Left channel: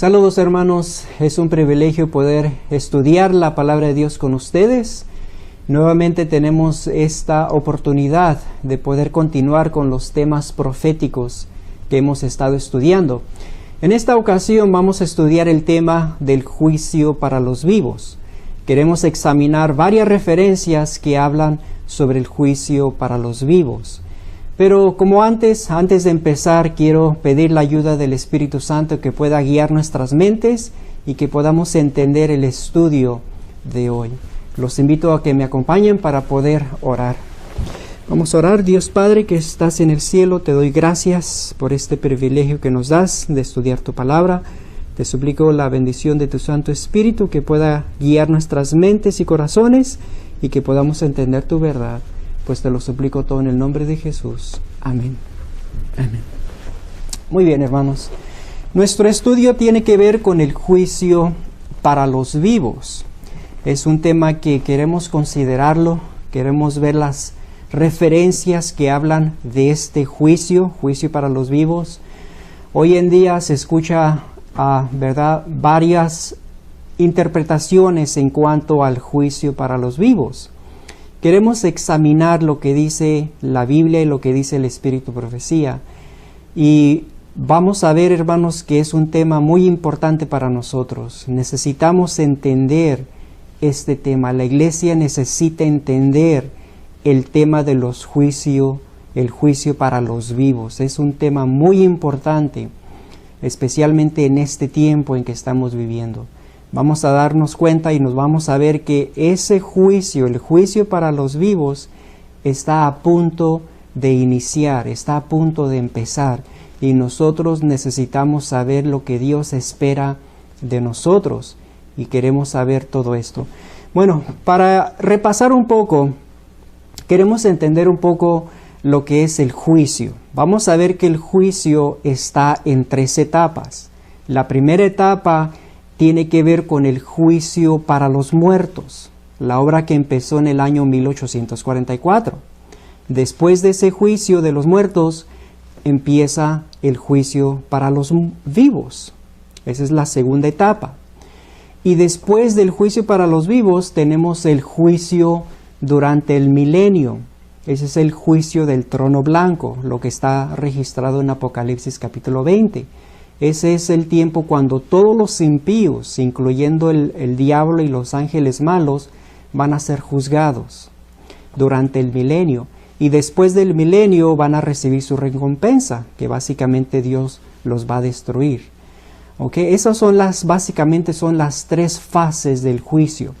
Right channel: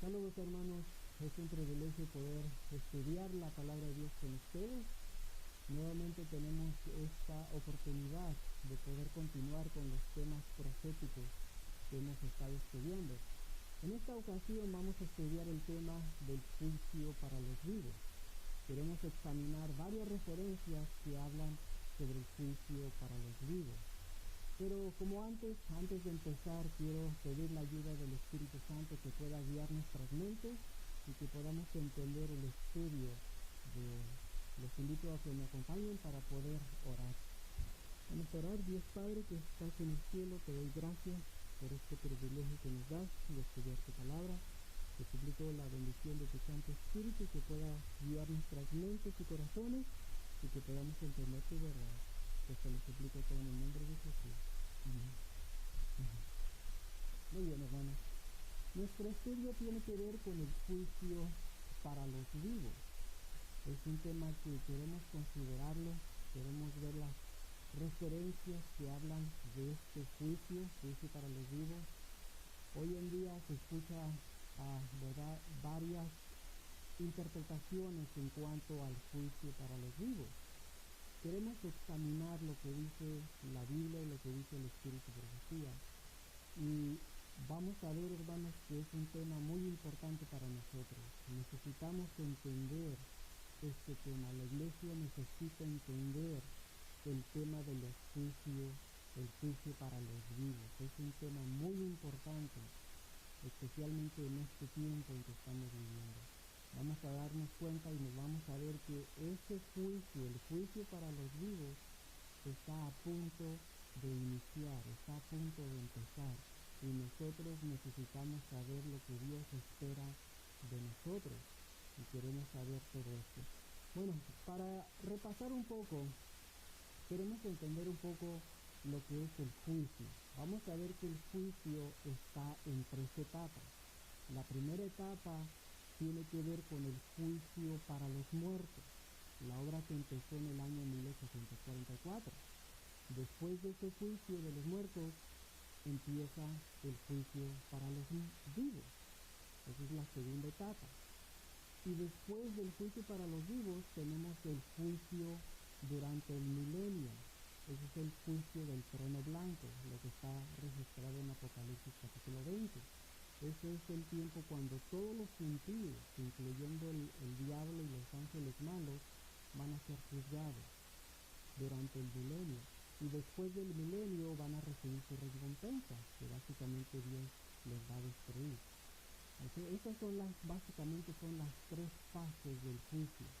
Saludos hermanos, es un privilegio poder estudiar la palabra de Dios con ustedes. Nuevamente tenemos esta oportunidad de poder continuar con los temas proféticos que hemos estado estudiando. En esta ocasión vamos a estudiar el tema del juicio para los vivos. Queremos examinar varias referencias que hablan sobre el juicio para los vivos. Pero como antes de empezar, quiero pedir la ayuda del Espíritu Santo que pueda guiar nuestras mentes y que podamos entender el estudio de hoy. Los invito a que me acompañen para poder orar. Vamos a orar. Dios Padre que estás en el cielo, te doy gracias por este privilegio que nos das de estudiar tu palabra. Te suplico la bendición de tu Santo Espíritu que pueda guiar nuestras mentes y corazones y que podamos entender tu verdad. Pues te lo suplico todo en el nombre de Jesús. Amén. Amén. Muy bien, hermanos. Nuestro estudio tiene que ver con el juicio para los vivos. Es un tema que queremos considerarlo, queremos ver las referencias que hablan de este juicio para los vivos. Hoy en día se escucha, ¿verdad?, varias interpretaciones en cuanto al juicio para los vivos. Queremos examinar lo que dice la Biblia y lo que dice el Espíritu Profecía. Y vamos a ver, hermanos, que es un tema muy importante para nosotros. Necesitamos entender este tema. La iglesia necesita entender el tema de los juicios, el juicio para los vivos. Es un tema muy importante, especialmente en este tiempo en que estamos viviendo. Vamos a darnos cuenta y nos vamos a ver que ese juicio, el juicio para los vivos, está a punto de iniciar, está a punto de empezar. Y nosotros necesitamos saber lo que Dios espera de nosotros. Y queremos saber todo esto. Bueno, para repasar un poco, queremos entender un poco lo que es el juicio. Vamos a ver que el juicio está en 3 etapas. La primera etapa tiene que ver con el juicio para los muertos, la obra que empezó en el año 1844. Después de ese juicio de los muertos, empieza el juicio para los vivos. Esa es la segunda etapa. Y después del juicio para los vivos, tenemos el juicio durante el milenio. Ese es el juicio del trono blanco, lo que está registrado en Apocalipsis capítulo 20. Ese es el tiempo cuando todos los impíos, incluyendo el diablo y los ángeles malos, van a ser juzgados durante el milenio. Y después del milenio van a recibir su recompensa, que básicamente Dios los va a destruir. Esas son básicamente son las 3 fases del juicio.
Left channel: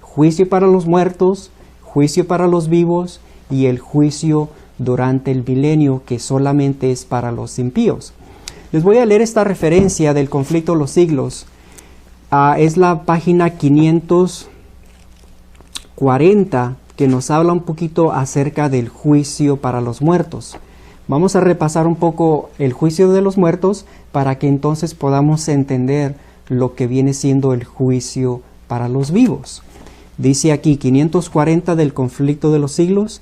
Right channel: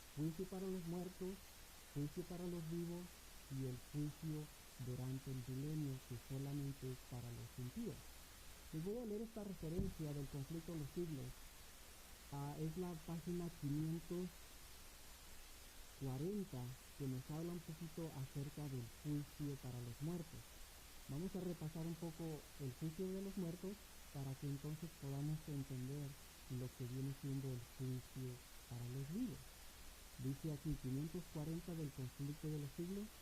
Juicio para los muertos, juicio para los vivos y el juicio durante el milenio, que solamente es para los impíos. Les voy a leer esta referencia del conflicto de los siglos. Es la página 540 que nos habla un poquito acerca del juicio para los muertos. Vamos a repasar un poco el juicio de los muertos para que entonces podamos entender lo que viene siendo el juicio para los vivos. Dice aquí 540 del conflicto de los siglos:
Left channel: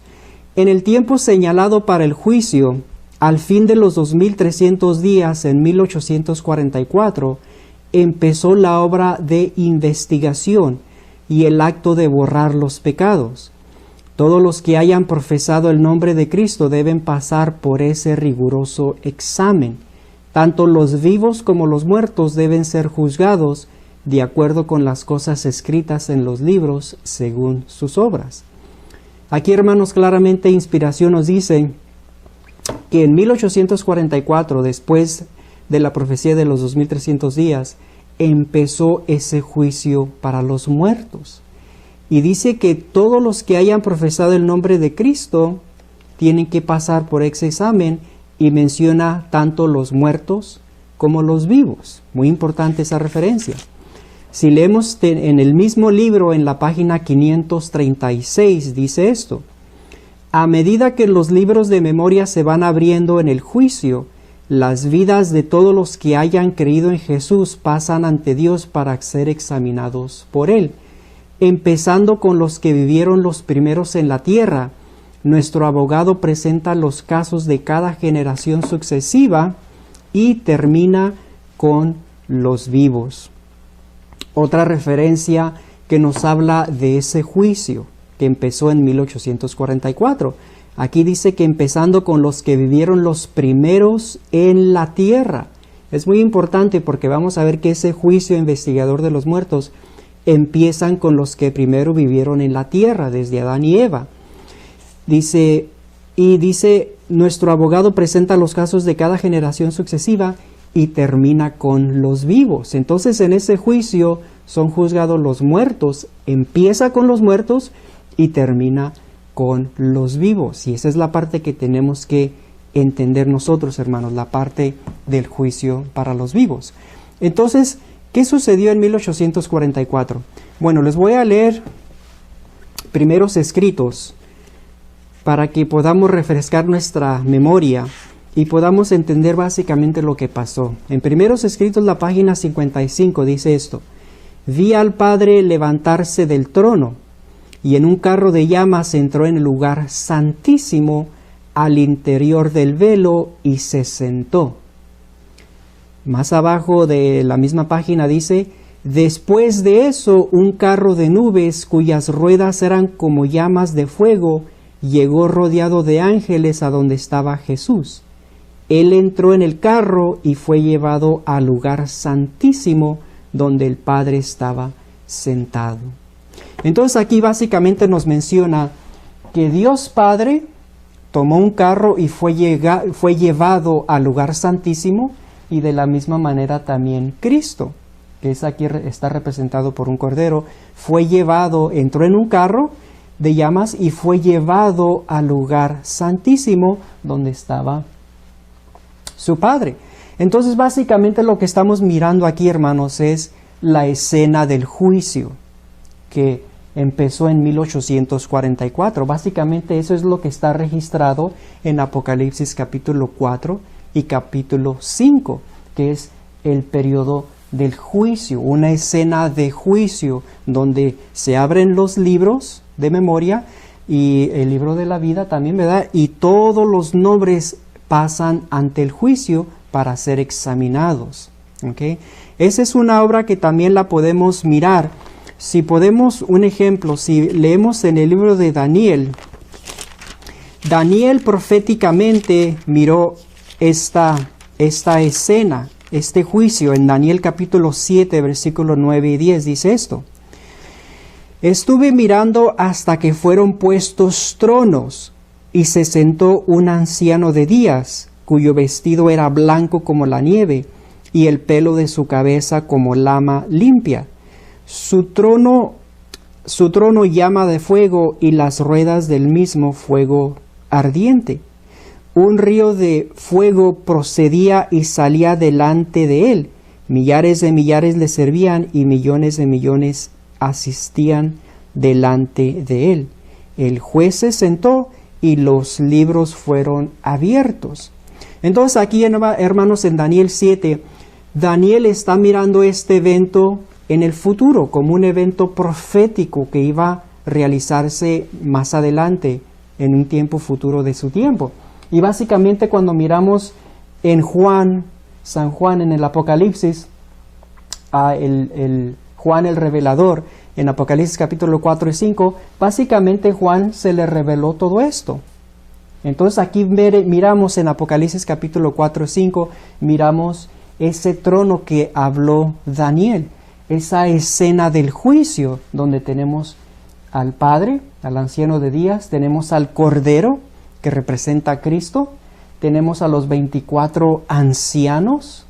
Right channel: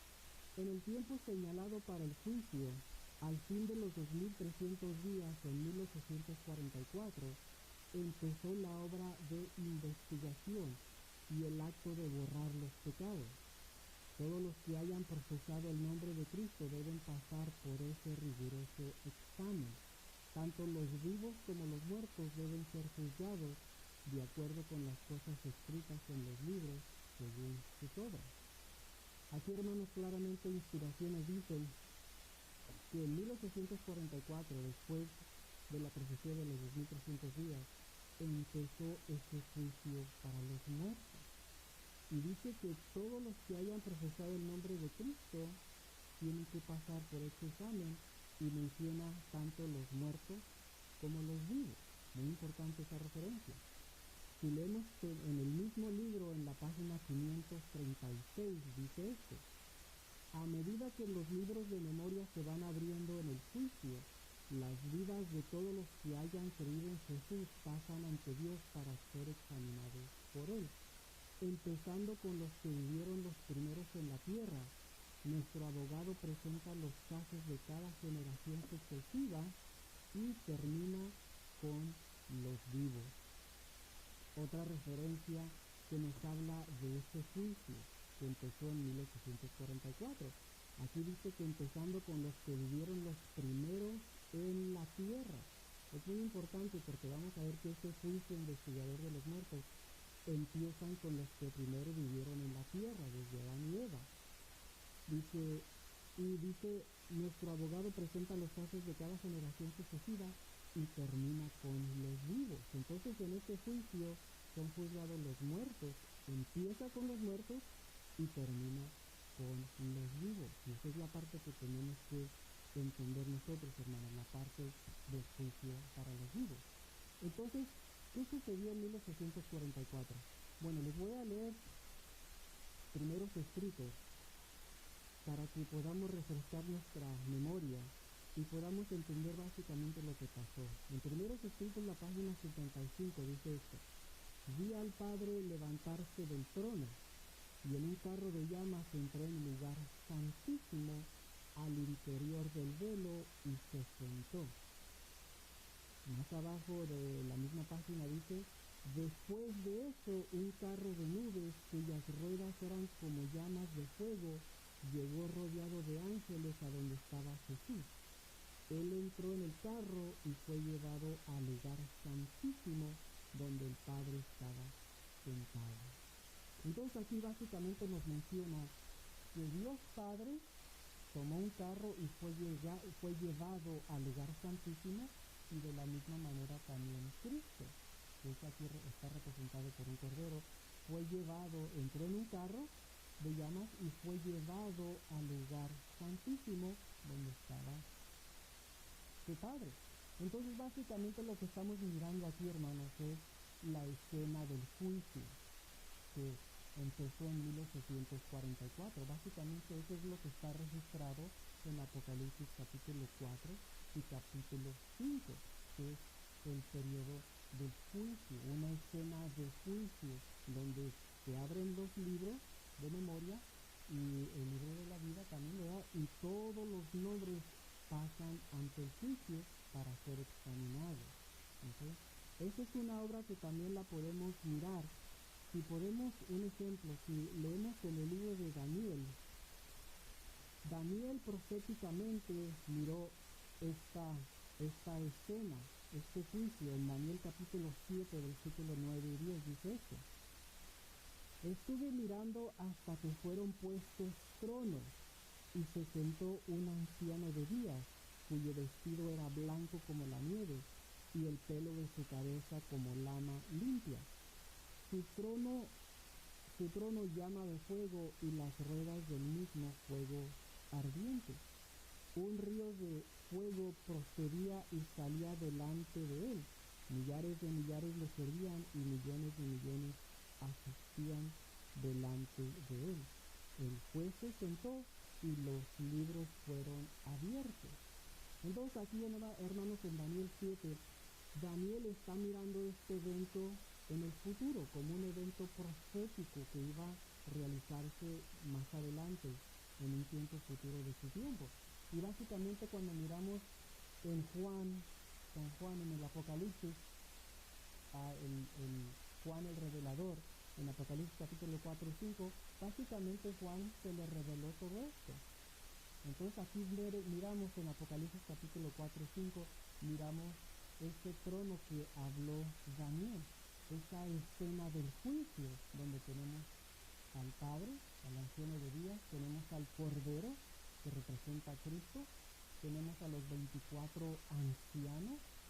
en el tiempo señalado para el juicio, al fin de los 2300 días, en 1844, empezó la obra de investigación y el acto de borrar los pecados. Todos los que hayan profesado el nombre de Cristo deben pasar por ese riguroso examen. Tanto los vivos como los muertos deben ser juzgados de acuerdo con las cosas escritas en los libros según sus obras. Aquí, hermanos, claramente Inspiración nos dice que en 1844, después de la profecía de los 2300 días, empezó ese juicio para los muertos. Y dice que todos los que hayan profesado el nombre de Cristo tienen que pasar por ese examen, y menciona tanto los muertos como los vivos. Muy importante esa referencia. Si leemos en el mismo libro, en la página 536, dice esto: a medida que los libros de memoria se van abriendo en el juicio, las vidas de todos los que hayan creído en Jesús pasan ante Dios para ser examinados por Él. Empezando con los que vivieron los primeros en la tierra, nuestro abogado presenta los casos de cada generación sucesiva y termina con los vivos. Otra referencia que nos habla de ese juicio que empezó en 1844. Aquí dice que empezando con los que vivieron los primeros en la tierra. Es muy importante porque vamos a ver que ese juicio investigador de los muertos empiezan con los que primero vivieron en la tierra, desde Adán y Eva. Dice, nuestro abogado presenta los casos de cada generación sucesiva y termina con los vivos. Entonces en ese juicio son juzgados los muertos, empieza con los muertos y termina con los vivos. Y esa es la parte que tenemos que entender nosotros, hermanos, la parte del juicio para los vivos. Entonces, ¿qué sucedió en 1844? Bueno, les voy a leer primeros escritos para que podamos refrescar nuestra memoria y podamos entender básicamente lo que pasó. En primeros escritos, la página 55 dice esto: vi al Padre levantarse del trono, y en un carro de llamas entró en el lugar santísimo al interior del velo y se sentó. Más abajo de la misma página dice: después de eso, un carro de nubes cuyas ruedas eran como llamas de fuego llegó rodeado de ángeles a donde estaba Jesús. Él entró en el carro y fue llevado al lugar santísimo donde el Padre estaba sentado. Entonces aquí básicamente nos menciona que Dios Padre tomó un carro y fue llevado al lugar santísimo, y de la misma manera también Cristo, que es aquí está representado por un cordero, fue llevado, entró en un carro de llamas y fue llevado al lugar santísimo donde estaba su Padre. Entonces básicamente lo que estamos mirando aquí, hermanos, es la escena del juicio que empezó en 1844. Básicamente eso es lo que está registrado en Apocalipsis capítulo 4 y capítulo 5, que es el periodo del juicio, una escena de juicio donde se abren los libros de memoria y el libro de la vida también, ¿verdad? Y todos los nombres pasan ante el juicio para ser examinados. ¿Okay? Esa es una obra que también la podemos mirar. Si podemos, un ejemplo, si leemos en el libro de Daniel, Daniel proféticamente miró esta escena, este juicio. En Daniel capítulo 7, versículos 9 y 10 dice esto: estuve mirando hasta que fueron puestos tronos, y se sentó un anciano de días, cuyo vestido era blanco como la nieve, y el pelo de su cabeza como lana limpia. Su trono llama de fuego, y las ruedas del mismo fuego ardiente. Un río de fuego procedía y salía delante de él. Millares de millares le servían, y millones de millones asistían delante de él. El juez se sentó y los libros fueron abiertos. Entonces aquí, hermanos, en Daniel 7, Daniel está mirando este evento en el futuro como un evento profético que iba a realizarse más adelante en un tiempo futuro de su tiempo. Y básicamente cuando miramos en San Juan en el Apocalipsis, Juan el revelador, en Apocalipsis capítulo 4 y 5, básicamente Juan se le reveló todo esto. Entonces aquí miramos en Apocalipsis capítulo 4 y 5, miramos ese trono que habló Daniel, esa escena del juicio donde tenemos al Padre, al anciano de días, tenemos al Cordero que representa a Cristo, tenemos a los 24 ancianos,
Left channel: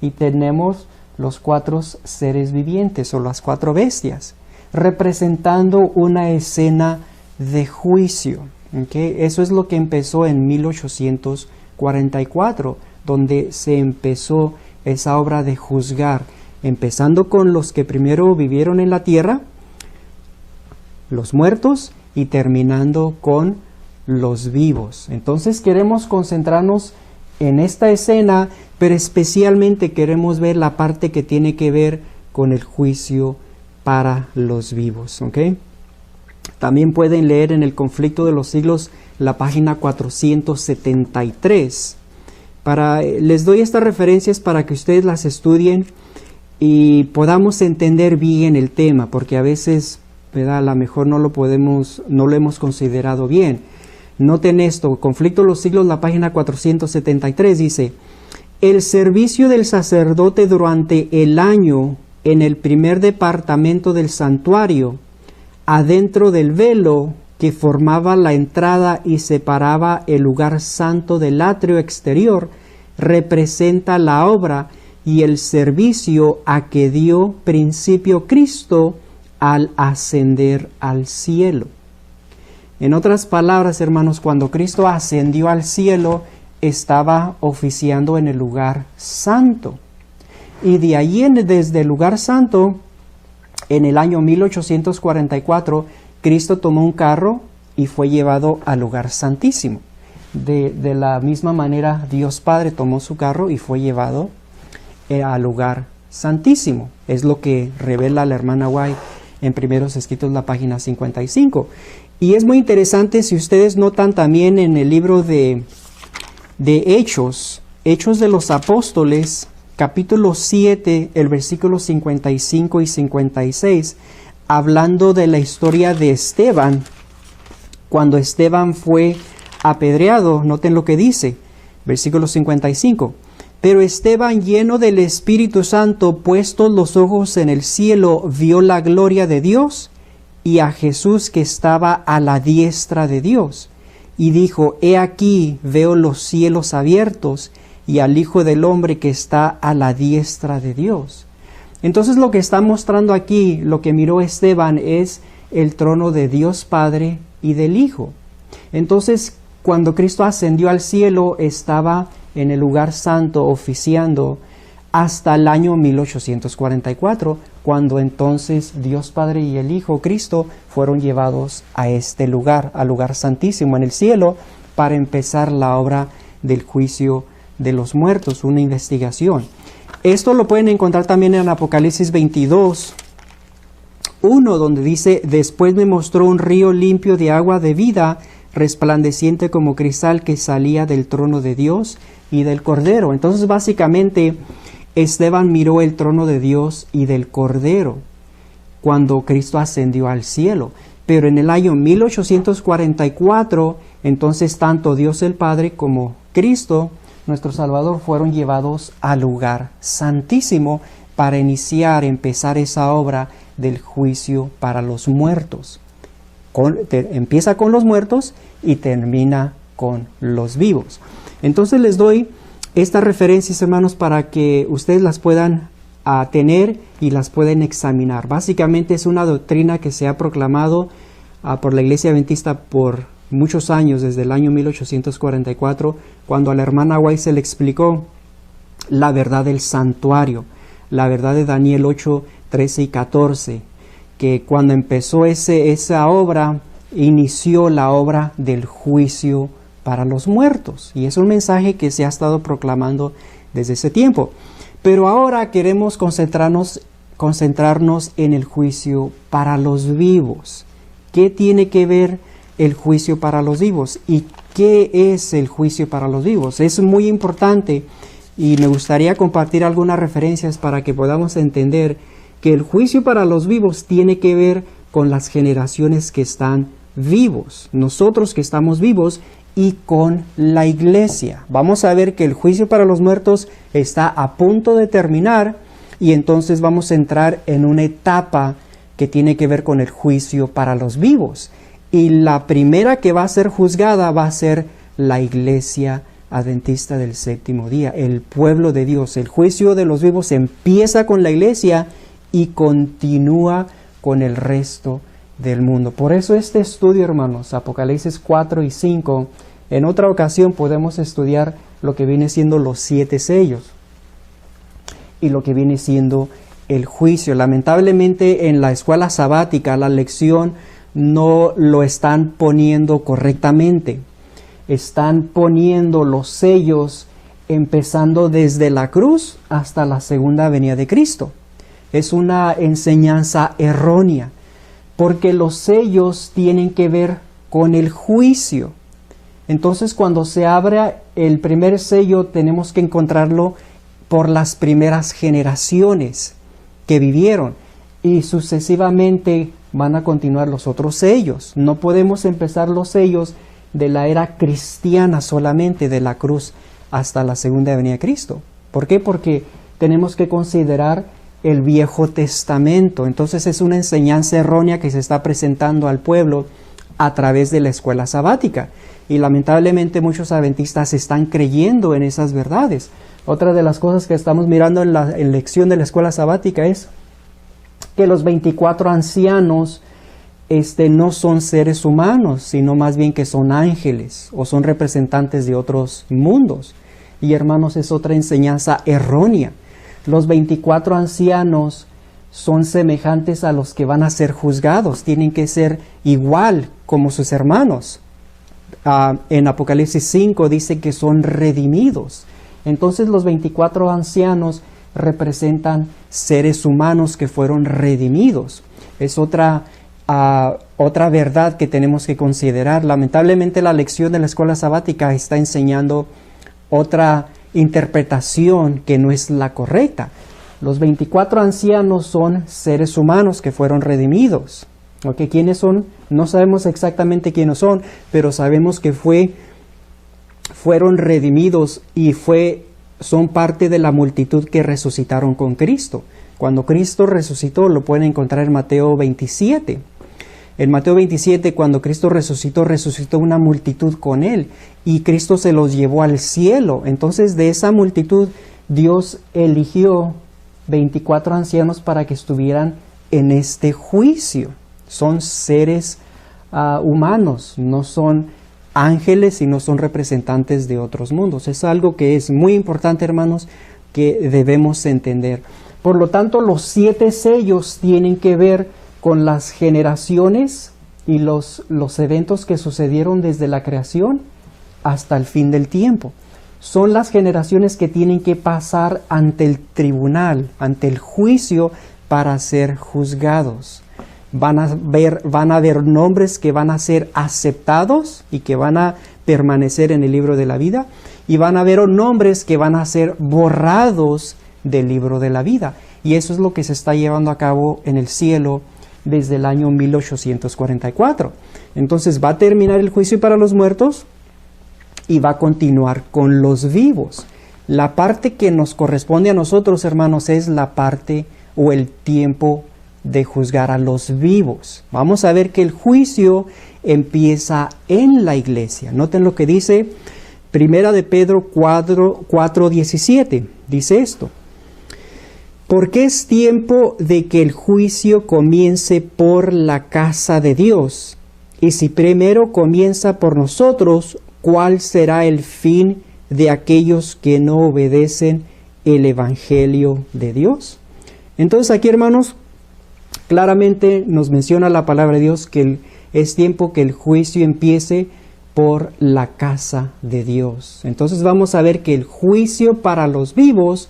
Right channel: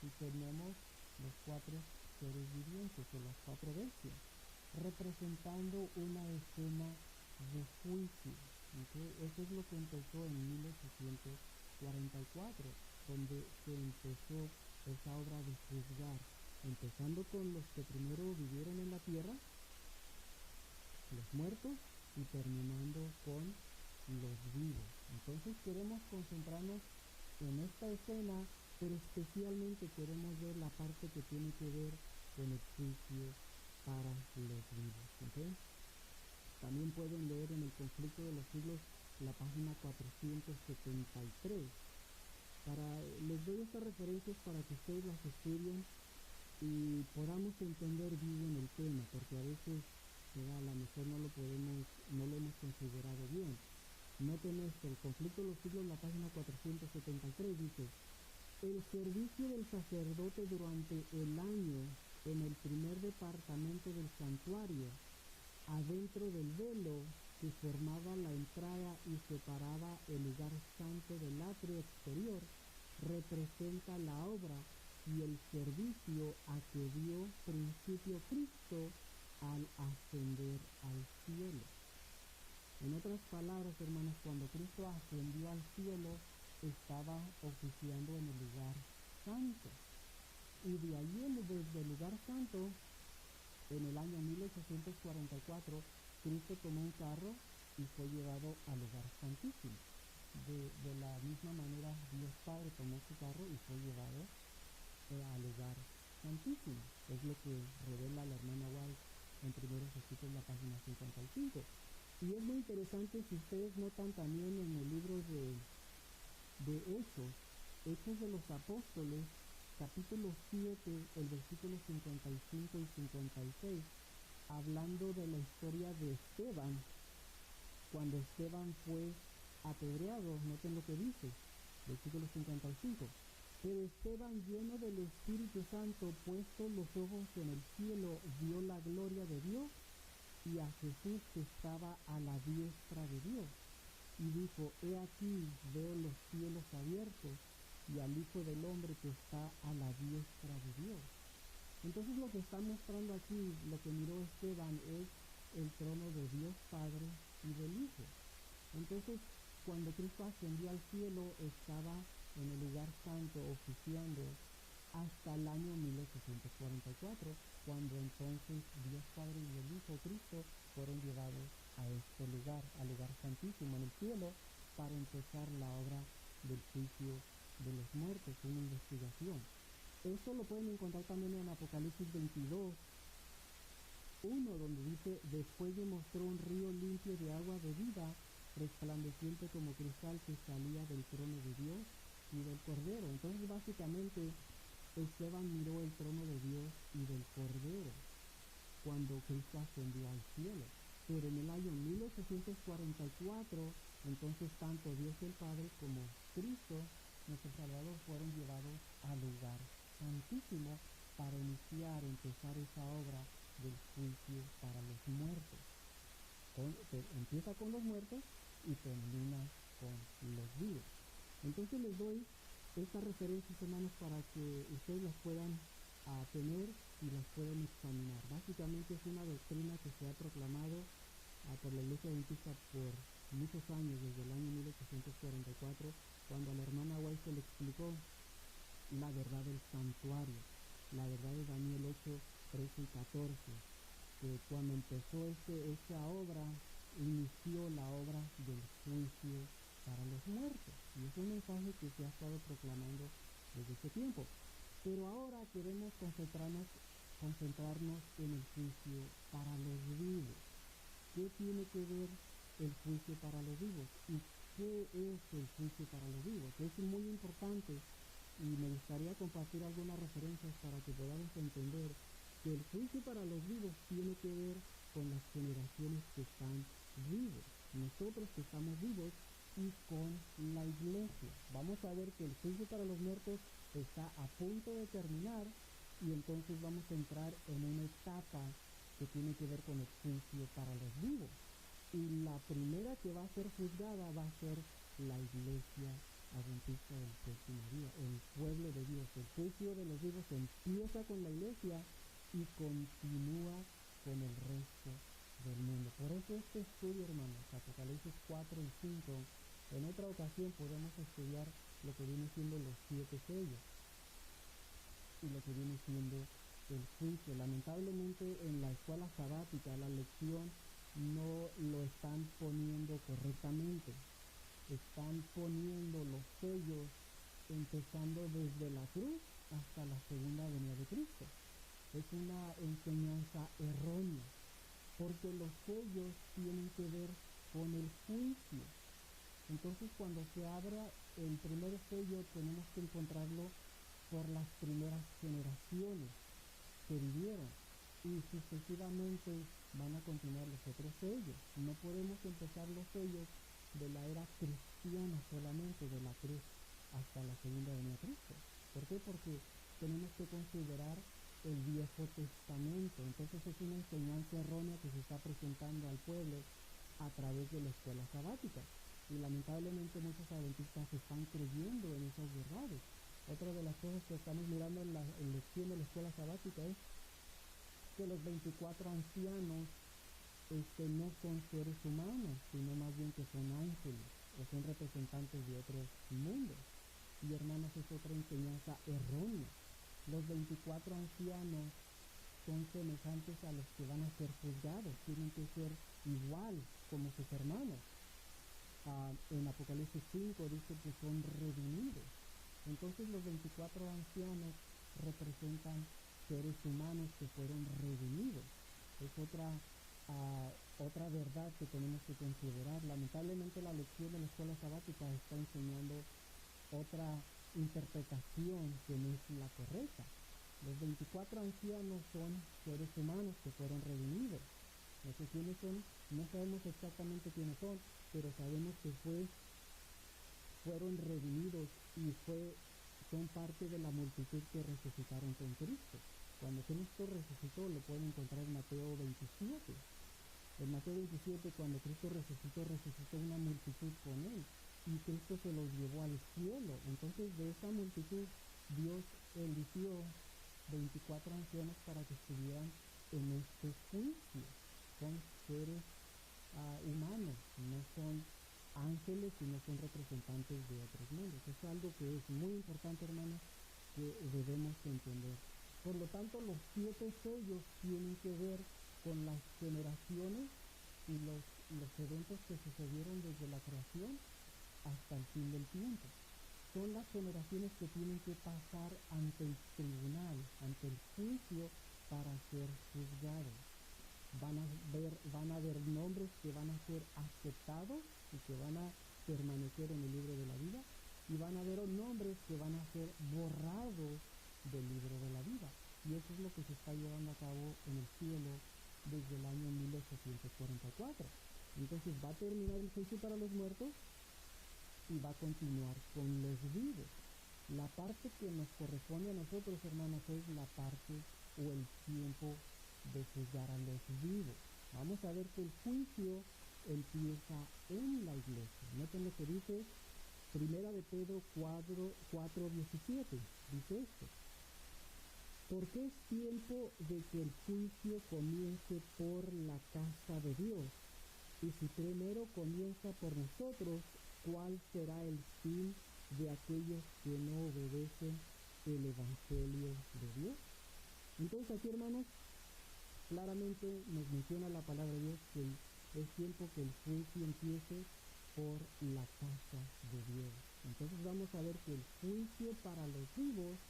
y tenemos los 4 seres vivientes o las 4 bestias, representando una escena de juicio. ¿Okay? Eso es lo que empezó en 1844, donde se empezó esa obra de juzgar, empezando con los que primero vivieron en la tierra, los muertos, y terminando con los vivos. Entonces queremos concentrarnos en esta escena, pero especialmente queremos ver la parte que tiene que ver con el juicio para los vivos. ¿Okay? También pueden leer en el Conflicto de los Siglos la página 473. Les doy estas referencias para que ustedes las estudien y podamos entender bien el tema, porque a veces, ¿verdad?, a lo mejor no lo hemos considerado bien. Noten esto, Conflicto de los Siglos, la página 473 dice: el servicio del sacerdote durante el año en el primer departamento del santuario, adentro del velo que formaba la entrada y separaba el lugar santo del atrio exterior, representa la obra y el servicio a que dio principio Cristo al ascender al cielo. En otras palabras, hermanos, cuando Cristo ascendió al cielo, estaba oficiando en el lugar santo. Y de allí, desde el lugar santo, en el año 1844, Cristo tomó un carro y fue llevado al lugar santísimo. De la misma manera, Dios Padre tomó su carro y fue llevado al lugar santísimo. Es lo que revela la hermana White en Primeros Escritos, la página 55. Y es muy interesante, si ustedes notan también en el libro de Hechos de los Apóstoles, capítulo 7, el versículo 55 y 56, hablando de la historia de Esteban, cuando Esteban fue apedreado. Noten lo que dice, versículo 55. Pero Esteban, lleno del Espíritu Santo, puestos los ojos en el cielo, vio la gloria de Dios y a Jesús que estaba a la diestra de Dios. Y dijo: he aquí, veo los cielos abiertos y al Hijo del Hombre que está a la diestra de Dios. Entonces lo que está mostrando aquí, lo que miró Esteban, es el trono de Dios Padre y del Hijo. Entonces, cuando Cristo ascendió al cielo, estaba en el lugar santo oficiando hasta el año 1844, cuando entonces Dios Padre y el Hijo Cristo fueron llevados a este lugar, al lugar santísimo en el cielo, para empezar la obra del juicio de los muertos, una investigación. Esto lo pueden encontrar también en Apocalipsis 22, 1, donde dice: después me mostró un río limpio de agua de vida, resplandeciente como cristal, que salía del trono de Dios y del Cordero. Entonces, básicamente, Esteban miró el trono de Dios y del Cordero cuando Cristo ascendió al cielo. Pero en el año 1844, entonces tanto Dios el Padre como Cristo, nuestro Salvador, fueron llevados al lugar santísimo para empezar esa obra del juicio para los muertos. Empieza con los muertos y termina con los vivos. Entonces les doy estas referencias, hermanos, para que ustedes las puedan tener y las pueden examinar. Básicamente es una doctrina que se ha proclamado por la Iglesia Adventista por muchos años, desde el año 1844, cuando a la hermana White se le explicó la verdad del santuario, la verdad de Daniel 8, 13 y 14, que cuando empezó esa obra, inició la obra del juicio para los muertos. Y es un mensaje que se ha estado proclamando desde ese tiempo. Pero ahora queremos concentrarnos en el juicio para los vivos. ¿Qué tiene que ver el juicio para los vivos? ¿Y qué es el juicio para los vivos? Es muy importante y me gustaría compartir algunas referencias para que podamos entender que el juicio para los vivos tiene que ver con las generaciones que están vivos, nosotros que estamos vivos, y con la iglesia. Vamos a ver que el juicio para los muertos está a punto de terminar y entonces vamos a entrar en una etapa que tiene que ver con el juicio para los vivos. Y la primera que va a ser juzgada va a ser la iglesia adventista del séptimo día, el pueblo de Dios. El juicio de los vivos empieza con la iglesia y continúa con el resto del mundo. Por eso este estudio, hermanos, Apocalipsis 4 y 5, en otra ocasión podemos estudiar lo que viene siendo los 7 sellos y lo que viene siendo el juicio. Lamentablemente en la escuela sabática la lección no lo están poniendo correctamente. Están poniendo los sellos empezando desde la cruz hasta la segunda venida de Cristo. Es una enseñanza errónea, porque los sellos tienen que ver con el juicio. Entonces, cuando se abre el primer sello, tenemos que encontrarlo por las primeras generaciones que vivieron, y sucesivamente van a continuar los otros sellos. No podemos empezar los sellos de la era cristiana solamente, de la cruz hasta la segunda venida de Cristo. ¿Por qué? Porque tenemos que considerar el Viejo Testamento. Entonces es una enseñanza errónea que se está presentando al pueblo a través de la escuela sabática. Y lamentablemente muchos adventistas están creyendo en esas verdades. Otra de las cosas que estamos mirando en la lección de la escuela sabática es que los 24 ancianos no son seres humanos, sino más bien que son ángeles o son representantes de otros mundos. Y hermanos, es otra enseñanza errónea. Los 24 ancianos son semejantes a los que van a ser juzgados, tienen que ser igual como sus hermanos. En Apocalipsis 5 dice que son redimidos. Entonces los 24 ancianos representan seres humanos que fueron redimidos. Es otra verdad que tenemos que considerar. Lamentablemente la lección de la escuela sabática está enseñando otra interpretación que no es la correcta. Los 24 ancianos son seres humanos que fueron redimidos. ¿Okay? ¿Quiénes son? No sabemos exactamente quiénes son, pero sabemos que fueron redimidos y son parte de la multitud que resucitaron con Cristo. Cuando Cristo resucitó, lo pueden encontrar en Mateo 27. En Mateo 27, cuando Cristo resucitó una multitud con Él, y Cristo se los llevó al cielo. Entonces, de esa multitud, Dios eligió 24 ancianos para que estuvieran en este juicio. Son seres humanos, no son ángeles y no son representantes de otros mundos. Es algo que es muy importante, hermanos, que debemos entender. Por lo tanto, los 7 sellos tienen que ver con las generaciones y los eventos que sucedieron desde la creación hasta el fin del tiempo. Son las generaciones que tienen que pasar ante el tribunal, ante el juicio, para ser juzgados. Van a haber nombres que van a ser aceptados y que van a permanecer en el libro de la vida, y van a haber nombres que van a ser borrados del libro de la vida. Y eso es lo que se está llevando a cabo en el cielo desde el año 1844. Entonces va a terminar el juicio para los muertos y va a continuar con los vivos. La parte que nos corresponde a nosotros, hermanos, es la parte o el tiempo de juzgar a los vivos. Vamos a ver que el juicio empieza en la iglesia. Noten lo que dice Primera de Pedro 4:17. Dice esto: porque es tiempo de que el juicio comience por la casa de Dios. Y si primero comienza por nosotros, ¿cuál será el fin de aquellos que no obedecen el evangelio de Dios? Entonces aquí, hermanos, claramente nos menciona la palabra de Dios que es tiempo que el juicio empiece por la casa de Dios. Entonces vamos a ver que el juicio para los vivos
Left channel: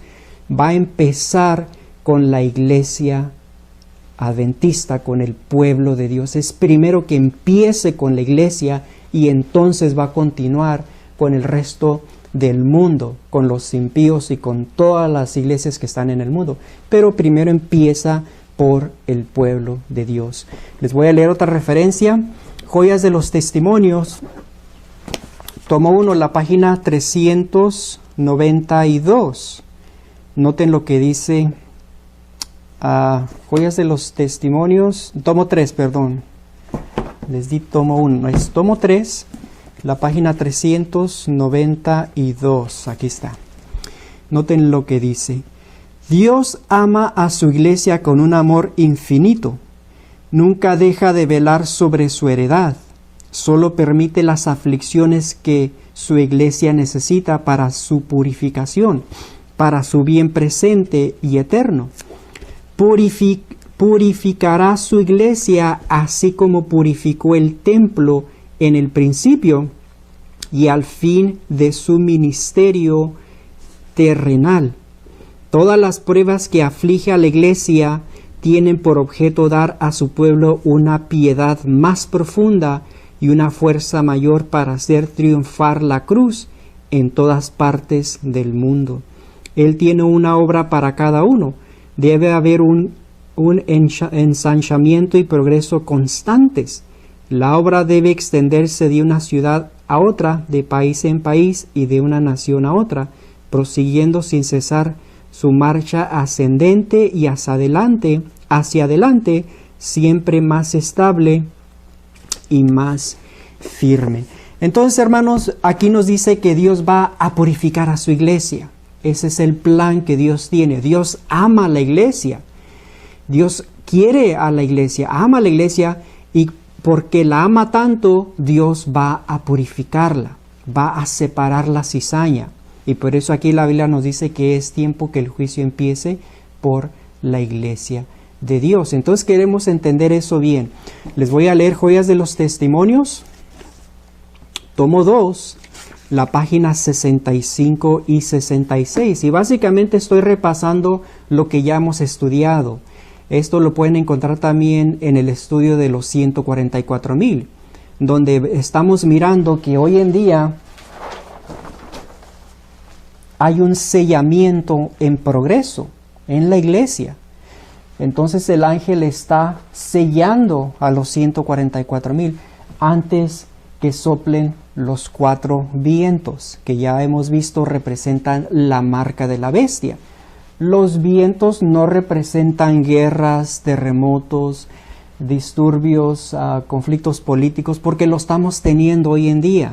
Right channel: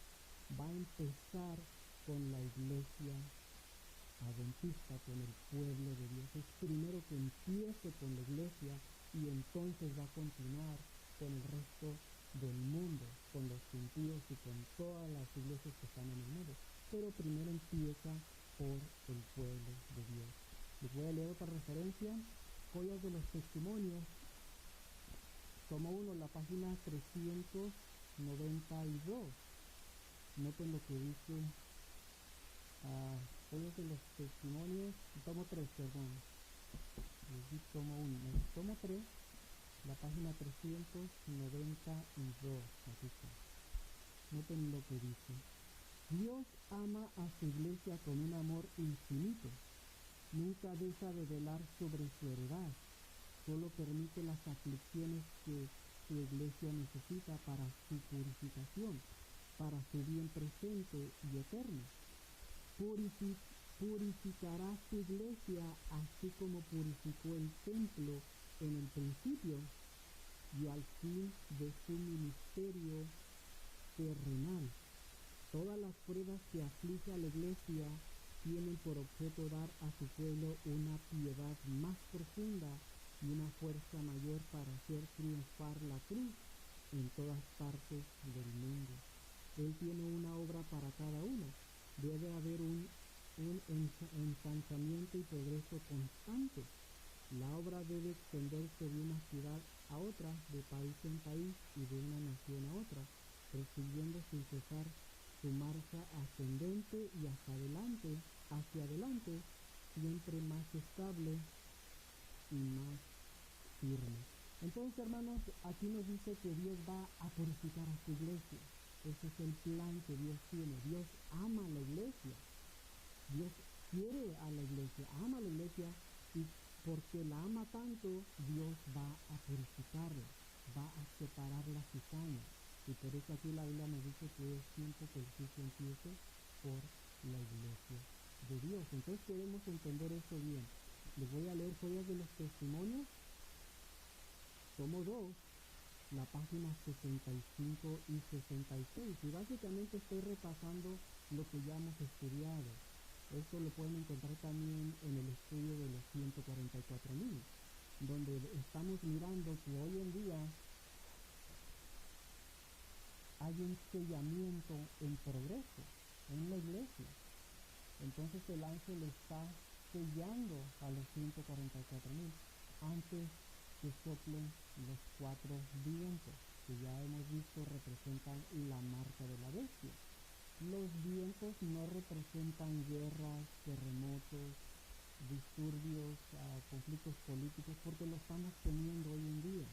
va a empezar con la iglesia adventista, con el pueblo de Dios. Es primero que empiece con la iglesia y entonces va a continuar con el resto del mundo, con los impíos y con todas las iglesias que están en el mundo. Pero primero empieza por el pueblo de Dios. Les voy a leer otra referencia, Joyas de los Testimonios, tomo 1, la página 392. Noten lo que dice Joyas de los Testimonios, tomo 3, perdón. Les di tomo 1, es tomo 3, la página 392. Aquí está. Noten lo que dice: Dios ama a su iglesia con un amor infinito. Nunca deja de velar sobre su heredad. Solo permite las aflicciones que su iglesia necesita para su purificación, para su bien presente y eterno. Purificará su iglesia así como purificó el templo en el principio y al fin de su ministerio terrenal. Todas las pruebas que aflige a la iglesia tienen por objeto dar a su pueblo una piedad más profunda y una fuerza mayor para hacer triunfar la cruz en todas partes del mundo. Él tiene una obra para cada uno. Debe haber un ensanchamiento y progreso constantes. La obra debe extenderse de una ciudad a otra, de país en país y de una nación a otra, prosiguiendo sin cesar su marcha ascendente y hacia adelante, siempre más estable y más firme. Entonces, hermanos, aquí nos dice que Dios va a purificar a su iglesia. Ese es el plan que Dios tiene. Dios ama a la iglesia. Dios quiere a la iglesia, ama a la iglesia, y porque la ama tanto, Dios va a purificarla, va a separar la cizaña. Y por eso aquí la Biblia nos dice que es tiempo que el juicio empiece por la iglesia de Dios. Entonces queremos entender eso bien. Les voy a leer Joyas de los Testimonios, tomo 2, la página 65 y 66. Y básicamente estoy repasando lo que ya hemos estudiado. Esto lo pueden encontrar también en el estudio de los 144,000, donde estamos mirando que hoy en día hay un sellamiento en progreso en la iglesia. Entonces el ángel está sellando a los 144,000 antes que soplen los 4 vientos, que ya hemos visto representan la marca de la bestia. Los vientos no representan guerras, terremotos, disturbios, conflictos políticos, porque lo estamos teniendo hoy en día.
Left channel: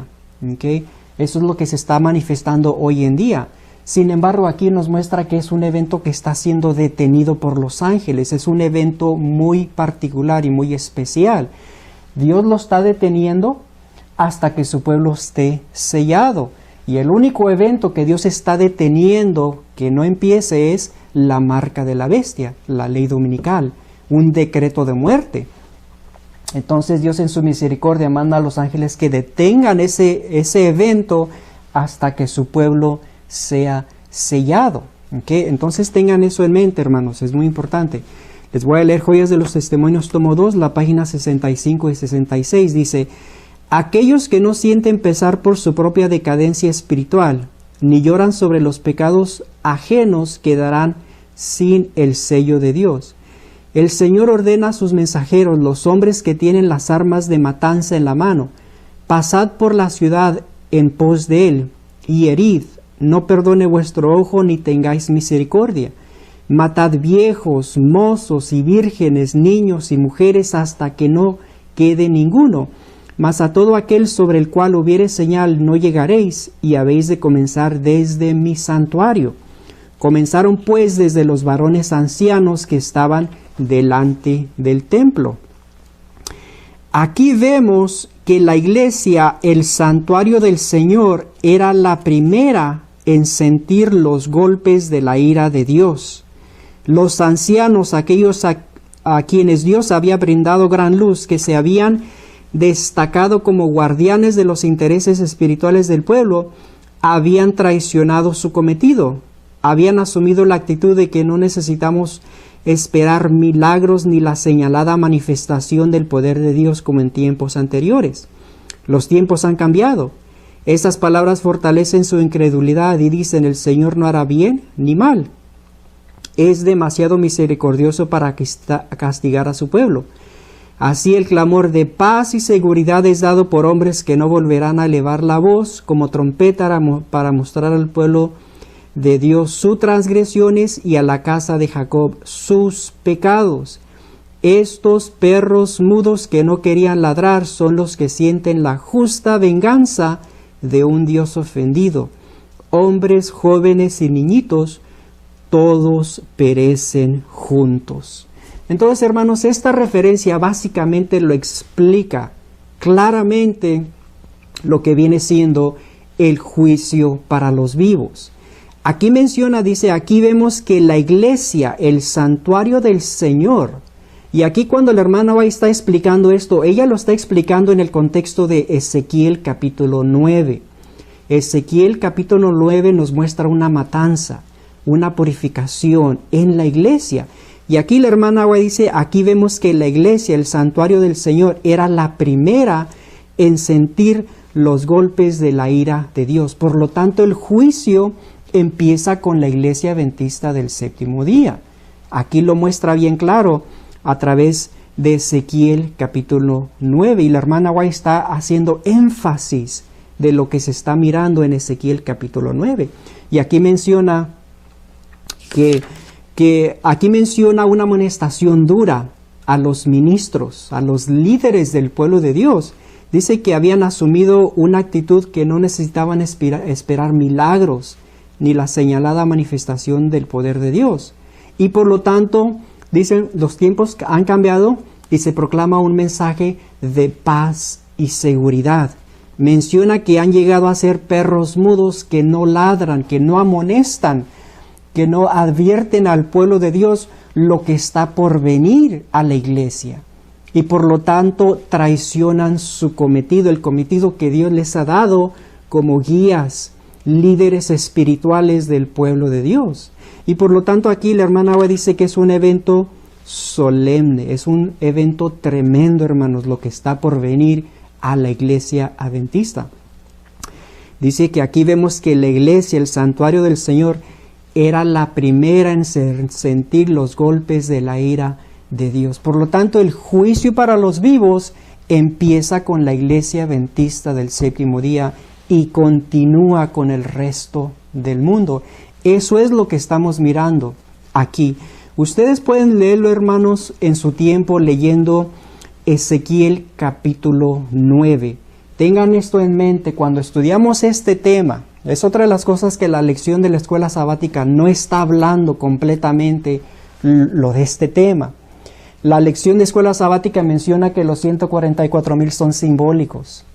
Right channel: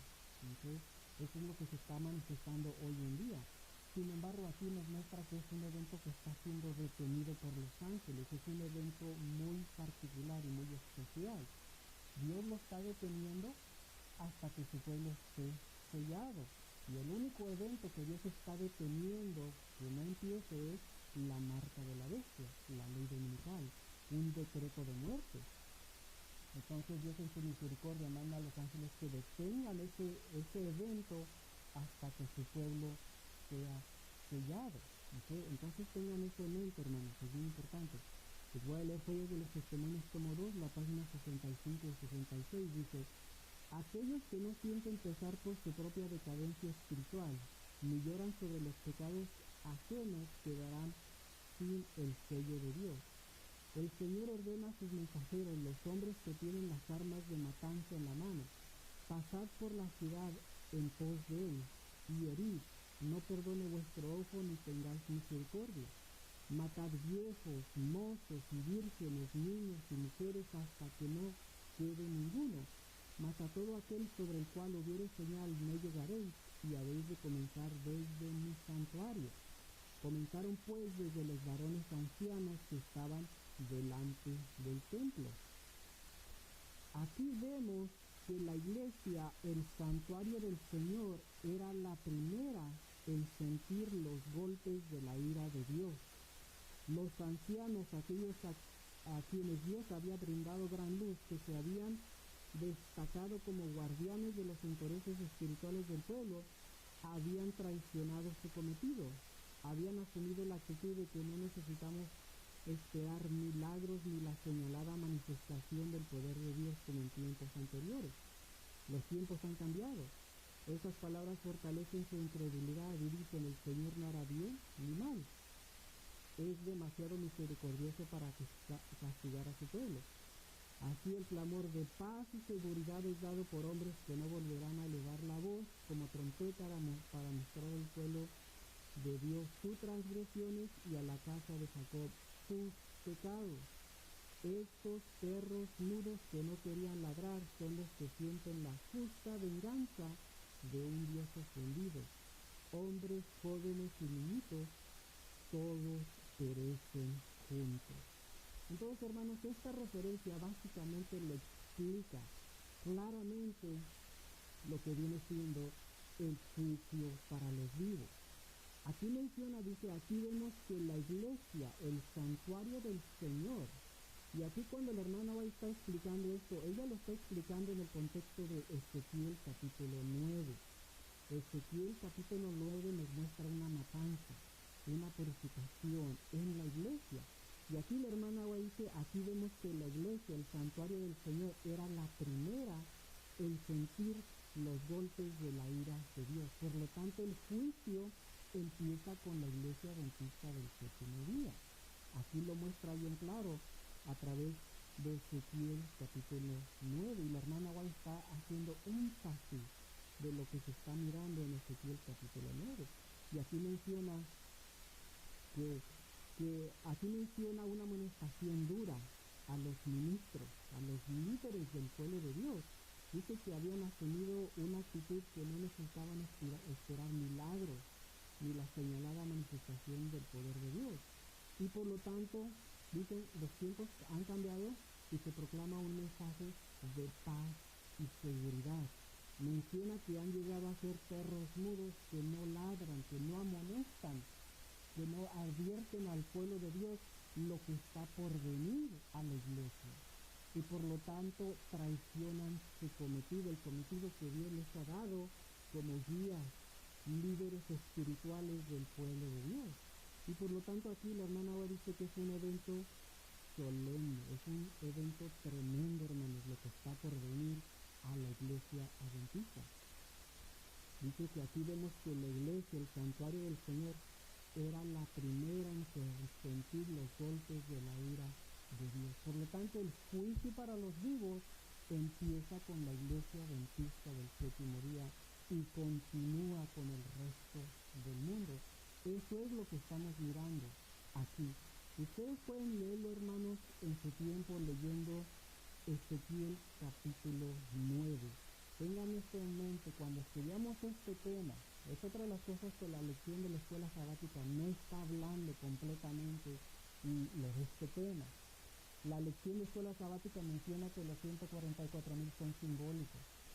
¿Okay? Eso es lo que se está manifestando hoy en día. Sin embargo, aquí nos muestra que es un evento que está siendo detenido por los ángeles. Es un evento muy particular y muy especial. Dios lo está deteniendo hasta que su pueblo esté sellado. Y el único evento que Dios está deteniendo que no empiece es la marca de la bestia, la ley dominical, un decreto de muerte. Entonces Dios en su misericordia manda a los ángeles que detengan ese evento hasta que su pueblo sea sellado. ¿Okay? Entonces tengan eso en mente, hermanos, es muy importante. Les voy a leer Joyas de los Testimonios, tomo 2, la página 65 y 66. Dice: aquellos que no sienten pesar por su propia decadencia espiritual, ni lloran sobre los pecados ajenos, quedarán sin el sello de Dios. El Señor ordena a sus mensajeros, los hombres que tienen las armas de matanza en la mano: pasad por la ciudad en pos de él, y herid, no perdone vuestro ojo ni tengáis misericordia. Matad viejos, mozos y vírgenes, niños y mujeres, hasta que no quede ninguno. Mas a todo aquel sobre el cual hubiere señal no llegaréis, y habéis de comenzar desde mi santuario. Comenzaron pues desde los varones ancianos que estaban delante del templo. Aquí vemos que la iglesia, el santuario del Señor, era la primera en sentir los golpes de la ira de Dios. Los ancianos, aquellos a quienes Dios había brindado gran luz, que se habían destacado como guardianes de los intereses espirituales del pueblo, habían traicionado su cometido. Habían asumido la actitud de que no necesitamos esperar milagros ni la señalada manifestación del poder de Dios como en tiempos anteriores. Los tiempos han cambiado. Estas palabras fortalecen su incredulidad y dicen: el Señor no hará bien ni mal. Es demasiado misericordioso para castigar a su pueblo. Así el clamor de paz y seguridad es dado por hombres que no volverán a elevar la voz como trompeta para mostrar al pueblo de Dios sus transgresiones y a la casa de Jacob sus pecados. Estos perros mudos que no querían ladrar son los que sienten la justa venganza de un Dios ofendido. Hombres, jóvenes y niñitos, todos perecen juntos. Entonces, hermanos, esta referencia básicamente lo explica claramente lo que viene siendo el juicio para los vivos. Aquí menciona, dice, aquí vemos que la iglesia, el santuario del Señor, y aquí cuando la hermana va está explicando esto, ella lo está explicando en el contexto de Ezequiel capítulo 9. Ezequiel capítulo 9 nos muestra una matanza, una purificación en la iglesia. Y aquí la hermana Agua dice, aquí vemos que la iglesia, el santuario del Señor, era la primera en sentir los golpes de la ira de Dios. Por lo tanto, el juicio empieza con la iglesia adventista del séptimo día. Aquí lo muestra bien claro a través de Ezequiel capítulo 9, y la hermana White está haciendo énfasis de lo que se está mirando en Ezequiel capítulo 9. Y aquí menciona aquí menciona una amonestación dura a los ministros, a los líderes del pueblo de Dios. Dice que habían asumido una actitud que no necesitaban esperar milagros ni la señalada manifestación del poder de Dios. Y por lo tanto, dicen, los tiempos han cambiado y se proclama un mensaje de paz y seguridad. Menciona que han llegado a ser perros mudos que no ladran, que no amonestan, que no advierten al pueblo de Dios lo que está por venir a la iglesia. Y por lo tanto traicionan su cometido, el cometido que Dios les ha dado como guías, líderes espirituales del pueblo de Dios. Y por lo tanto aquí la hermana Agua dice que es un evento solemne, es un evento tremendo, hermanos, lo que está por venir a la iglesia adventista. Dice que aquí vemos que la iglesia, el santuario del Señor, era la primera en sentir los golpes de la ira de Dios. Por lo tanto, el juicio para los vivos empieza con la iglesia adventista del séptimo día y continúa con el resto del mundo. Eso es lo que estamos mirando aquí. Ustedes pueden leerlo, hermanos, en su tiempo leyendo Ezequiel capítulo 9. Tengan esto en mente cuando estudiamos este tema. Es otra de las cosas que la lección de la escuela sabática no está hablando completamente lo de este tema. La lección de escuela sabática menciona que los 144,000 son simbólicos.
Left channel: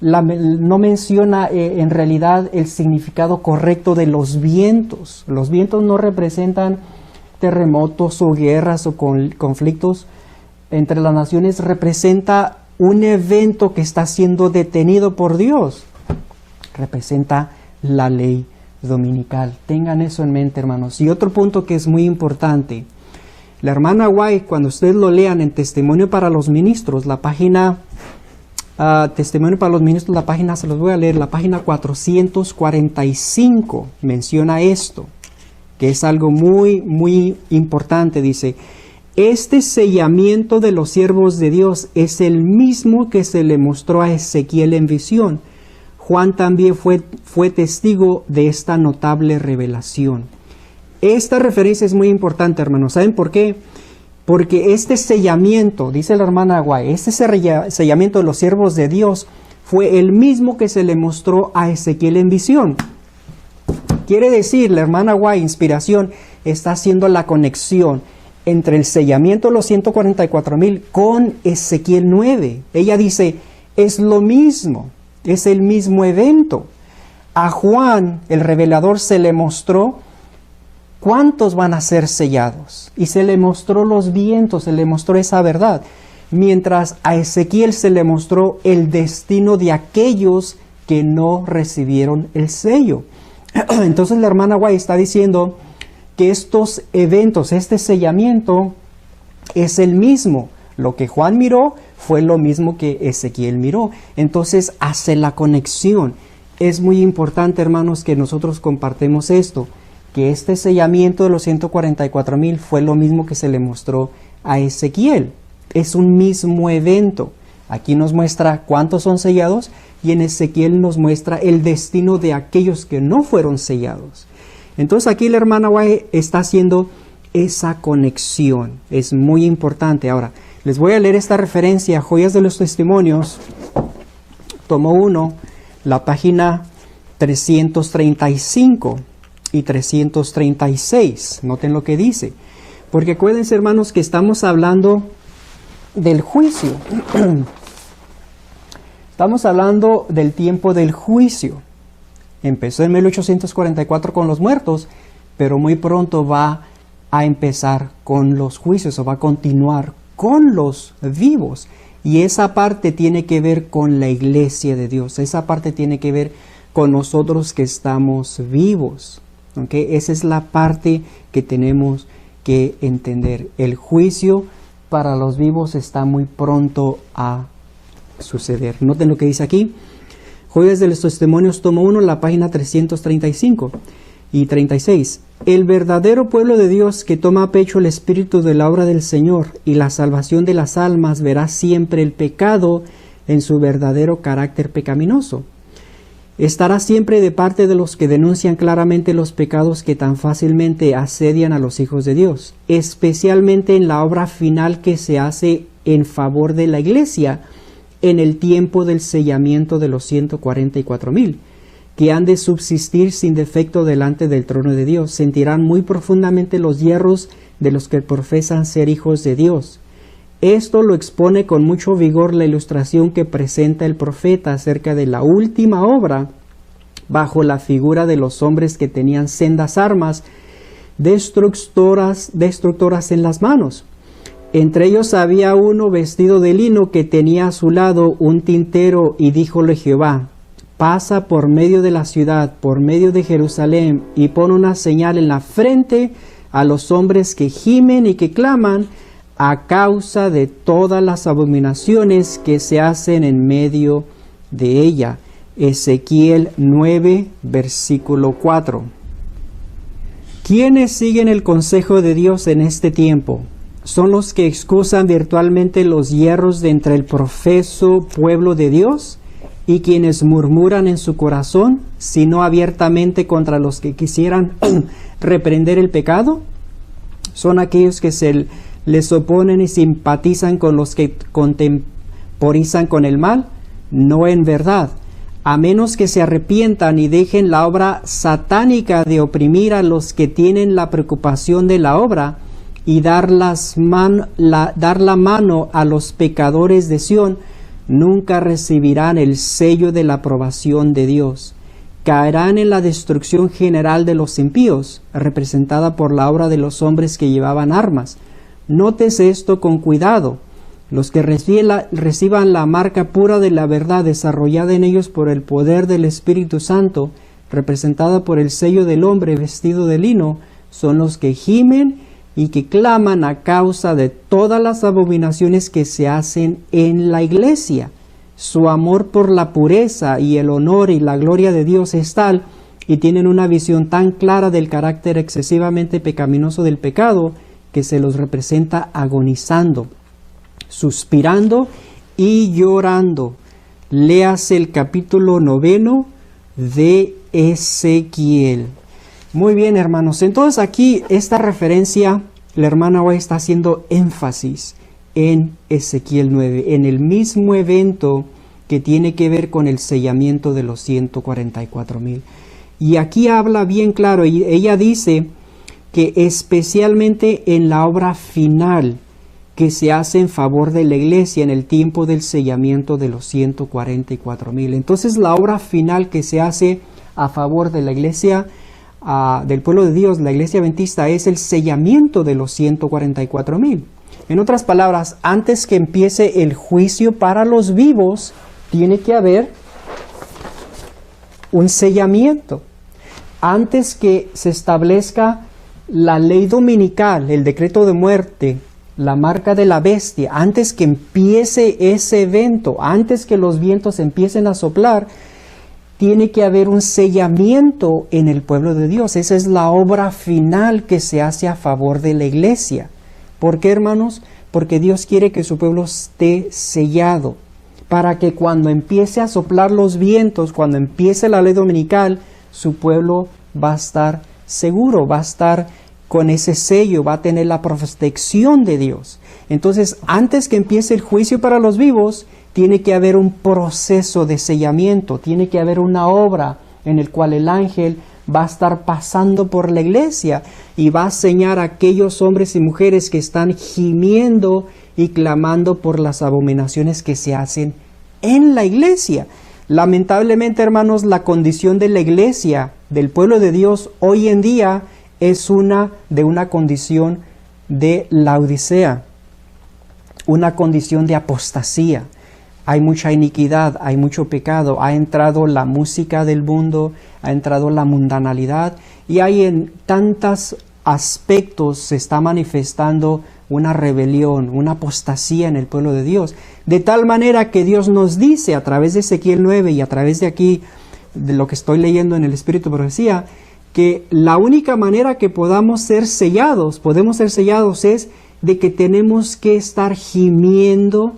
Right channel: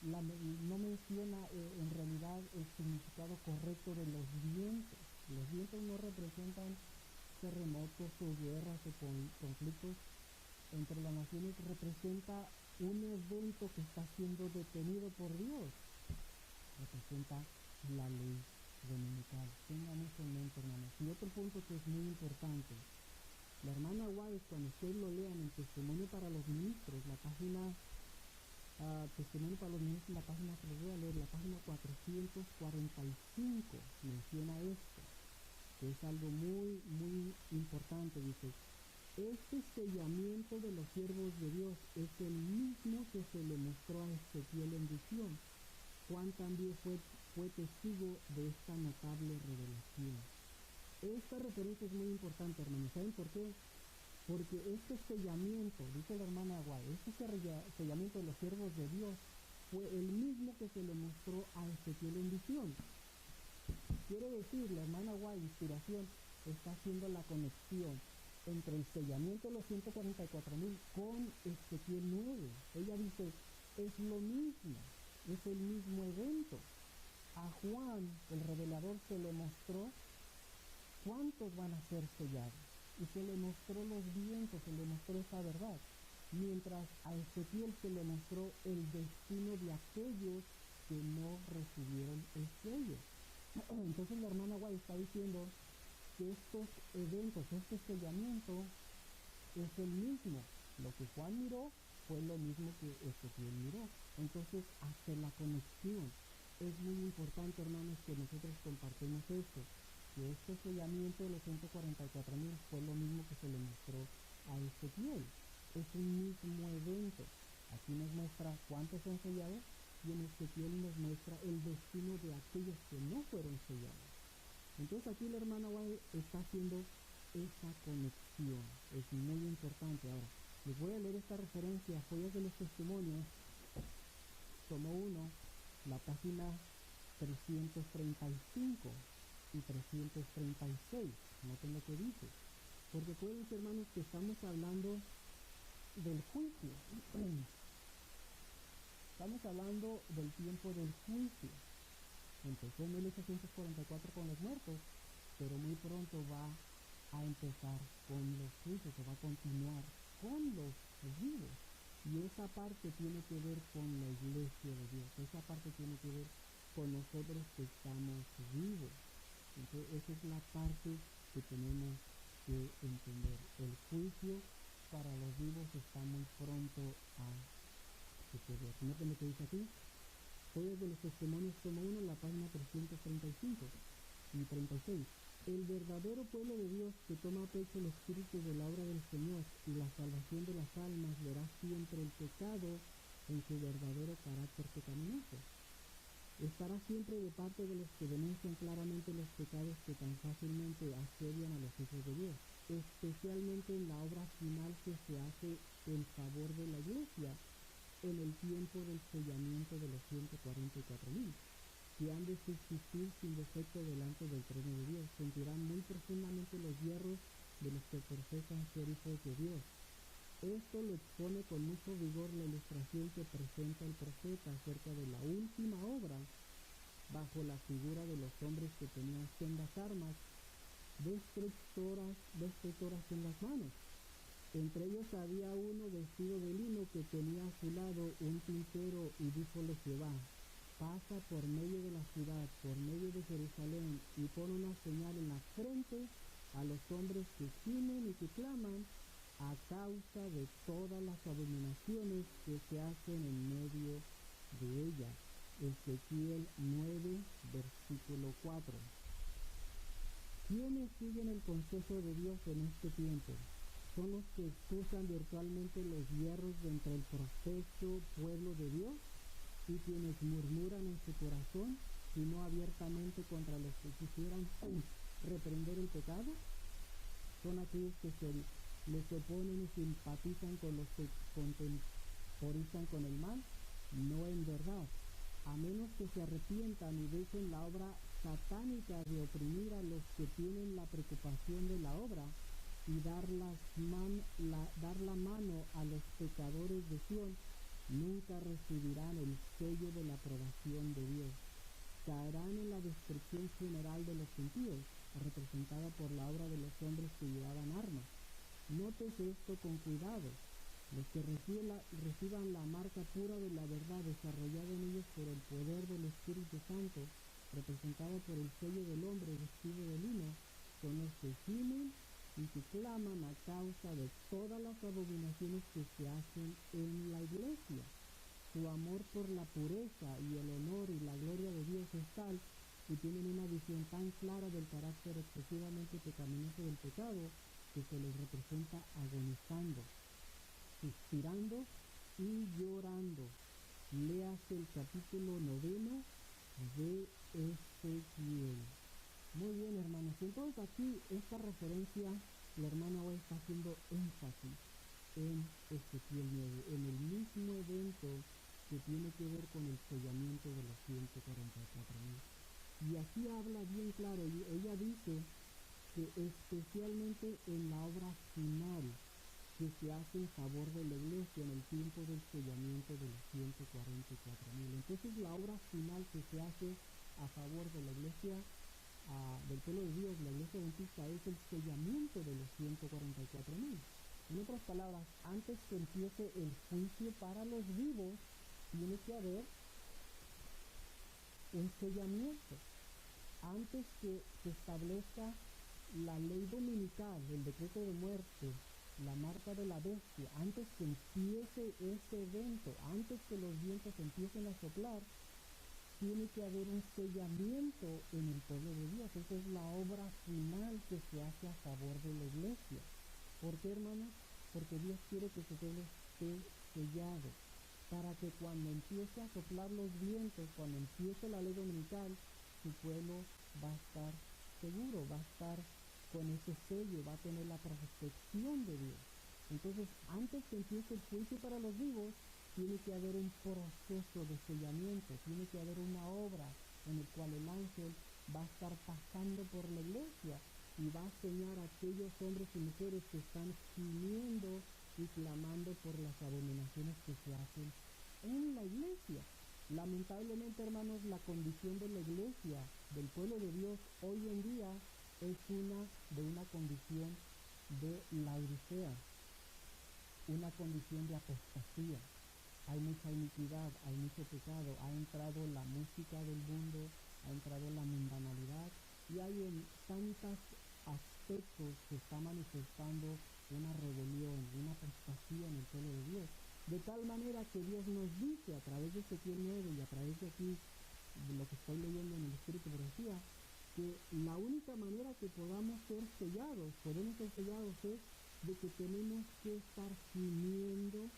No menciona en realidad el significado correcto de los vientos. Los vientos no representan terremotos o guerras o conflictos entre las naciones. Representa un evento que está siendo detenido por Dios. Representa la ley dominical. Tengan eso en mente, hermanos. Y otro punto que es muy importante. La hermana White, cuando ustedes lo lean en Testimonio para los Ministros, la página, Testimonio para los Ministros, la página, se los voy a leer, la página 445, menciona esto, que es algo muy, muy importante. Dice, este sellamiento de los siervos de Dios es el mismo que se le mostró a Ezequiel en visión. Juan también fue testigo de esta notable revelación. Esta referencia es muy importante, hermanos. ¿Saben por qué? Porque este sellamiento, dice la hermana Aguay, este sellamiento de los siervos de Dios fue el mismo que se le mostró a Ezequiel en visión. Quiere decir, la hermana Aguay, inspiración, está haciendo la conexión entre el sellamiento de los 144,000 con Ezequiel 9. Ella dice, es lo mismo. Es el mismo evento. A Juan, el revelador, se le mostró cuántos van a ser sellados. Y se le mostró los vientos, se le mostró esa verdad. Mientras a Ezequiel se le mostró el destino de aquellos que no recibieron el sello. Entonces la hermana White está diciendo que estos eventos, este sellamiento, es el mismo. Lo que Juan miró fue lo mismo que Ezequiel miró. Entonces hace la conexión. Es muy importante, hermanos, que nosotros compartamos esto, que este sellamiento de los 144,000 fue lo mismo que se le mostró a Ezequiel. Es un mismo evento. Aquí nos muestra cuántos son sellados y en Ezequiel nos muestra el destino de aquellos que no fueron sellados. Entonces aquí la hermana White está haciendo esa conexión. Es muy importante. Ahora, les voy a leer esta referencia, Joyas de los Testimonios, tomo 1, la página 335 y 336. Noten lo que dice. Porque acuérdense, hermanos, que estamos hablando del juicio. Estamos hablando del tiempo del juicio. Empezó en 1844 con los muertos, pero muy pronto va a empezar con los juicios o va a continuar con los vivos. Y esa parte tiene que ver con la iglesia de Dios. Esa parte tiene que ver con nosotros que estamos vivos. ¿Okay? Esa es la parte que tenemos que entender. El juicio para los vivos está muy pronto a suceder. Noten lo que dice aquí. Joyas de los Testimonios, tomo 1, la página 335 y 36. El verdadero pueblo de Dios que toma a pecho el espíritu de la obra del Señor y la salvación de las almas verá siempre el pecado en su verdadero carácter pecaminoso. Estará siempre de parte de los que denuncian claramente los pecados que tan fácilmente asedian a los hijos de Dios, especialmente en la obra final que se hace en favor de la iglesia en el tiempo del sellamiento de los 144,000, que han de subsistir sin defecto delante del trono de Dios. Sentirán muy profundamente los hierros de los que profesan ser hijos de Dios. Esto lo expone con mucho vigor la ilustración que presenta el profeta acerca de la última obra, bajo la figura de los hombres que tenían sendas armas destructoras en las manos. Entre ellos había uno vestido de lino que tenía a su lado un tintero, y díjole Jehová: pasa por medio de la ciudad, por medio de Jerusalén, y pon una señal en la frente a los hombres que gimen y que claman a causa de todas las abominaciones que se hacen en medio de ella. Ezequiel 9, versículo 4. ¿Quiénes siguen el consejo de Dios en este tiempo? ¿Son los que excusan virtualmente los hierros de entre el profeso pueblo de Dios y quienes murmuran en su corazón, sino abiertamente contra los que quisieran reprender el pecado? ¿Son aquellos que se les oponen y simpatizan con los que contemporizan con el mal? No, en verdad. A menos que se arrepientan y dejen la obra satánica de oprimir a los que tienen la preocupación de la obra y dar la mano a los pecadores de Sión, nunca recibirán el sello de la aprobación de Dios. Caerán en la destrucción general de los impíos, representada por la obra de los hombres que llevaban armas. Nótese esto con cuidado. Los que reciban la marca pura de la verdad desarrollada en ellos por el poder del Espíritu Santo, representada por el sello del hombre vestido de lino, son los que gimen y que claman a causa de todas las abominaciones que se hacen en la iglesia. Su amor por la pureza y el honor y la gloria de Dios es tal, y tienen una visión tan clara del carácter excesivamente pecaminoso del pecado, que se los representa agonizando, suspirando y llorando. Léase el capítulo 9 de Ezequiel. Muy bien, hermanos. Entonces aquí esta referencia, la hermana hoy está haciendo énfasis en Ezequiel 9, en el mismo evento que tiene que ver con el sellamiento de los 144,000. Y aquí habla bien claro, y ella dice que especialmente en la obra final que se hace en favor de la iglesia en el tiempo del sellamiento de los 144,000. Entonces la obra final que se hace a favor de la iglesia, del pueblo de Dios, la iglesia adventista, es el sellamiento de los 144,000. En otras palabras, antes que empiece el juicio para los vivos, tiene que haber un sellamiento. Antes que se establezca la ley dominical, el decreto de muerte, la marca de la bestia, antes que empiece ese evento, antes que los vientos empiecen a soplar, tiene que haber un sellamiento en el pueblo de Dios. Esa es la obra final que se hace a favor de la iglesia. ¿Por qué, hermanos? Porque Dios quiere que su pueblo esté sellado, para que cuando empiece a soplar los vientos, cuando empiece la ley dominical, su pueblo va a estar seguro, va a estar con ese sello, va a tener la protección de Dios. Entonces, antes que empiece el juicio para los vivos, tiene que haber un proceso de sellamiento, tiene que haber una obra en el cual el ángel va a estar pasando por la iglesia y va a sellar a aquellos hombres y mujeres que están gimiendo y clamando por las abominaciones que se hacen en la iglesia. Lamentablemente, hermanos, la condición de la iglesia, del pueblo de Dios hoy en día, es una condición de laodicea, una condición de apostasía. Hay mucha iniquidad, hay mucho pecado, ha entrado la música del mundo, ha entrado la mundanalidad, y hay en tantos aspectos se está manifestando una rebelión, una apostasía en el pueblo de Dios. De tal manera que Dios nos dice a través de Ezequiel 9 y a través de aquí, de lo que estoy leyendo en el Espíritu de Profecía, que la única manera que podemos ser sellados es de que tenemos que estar gimiendo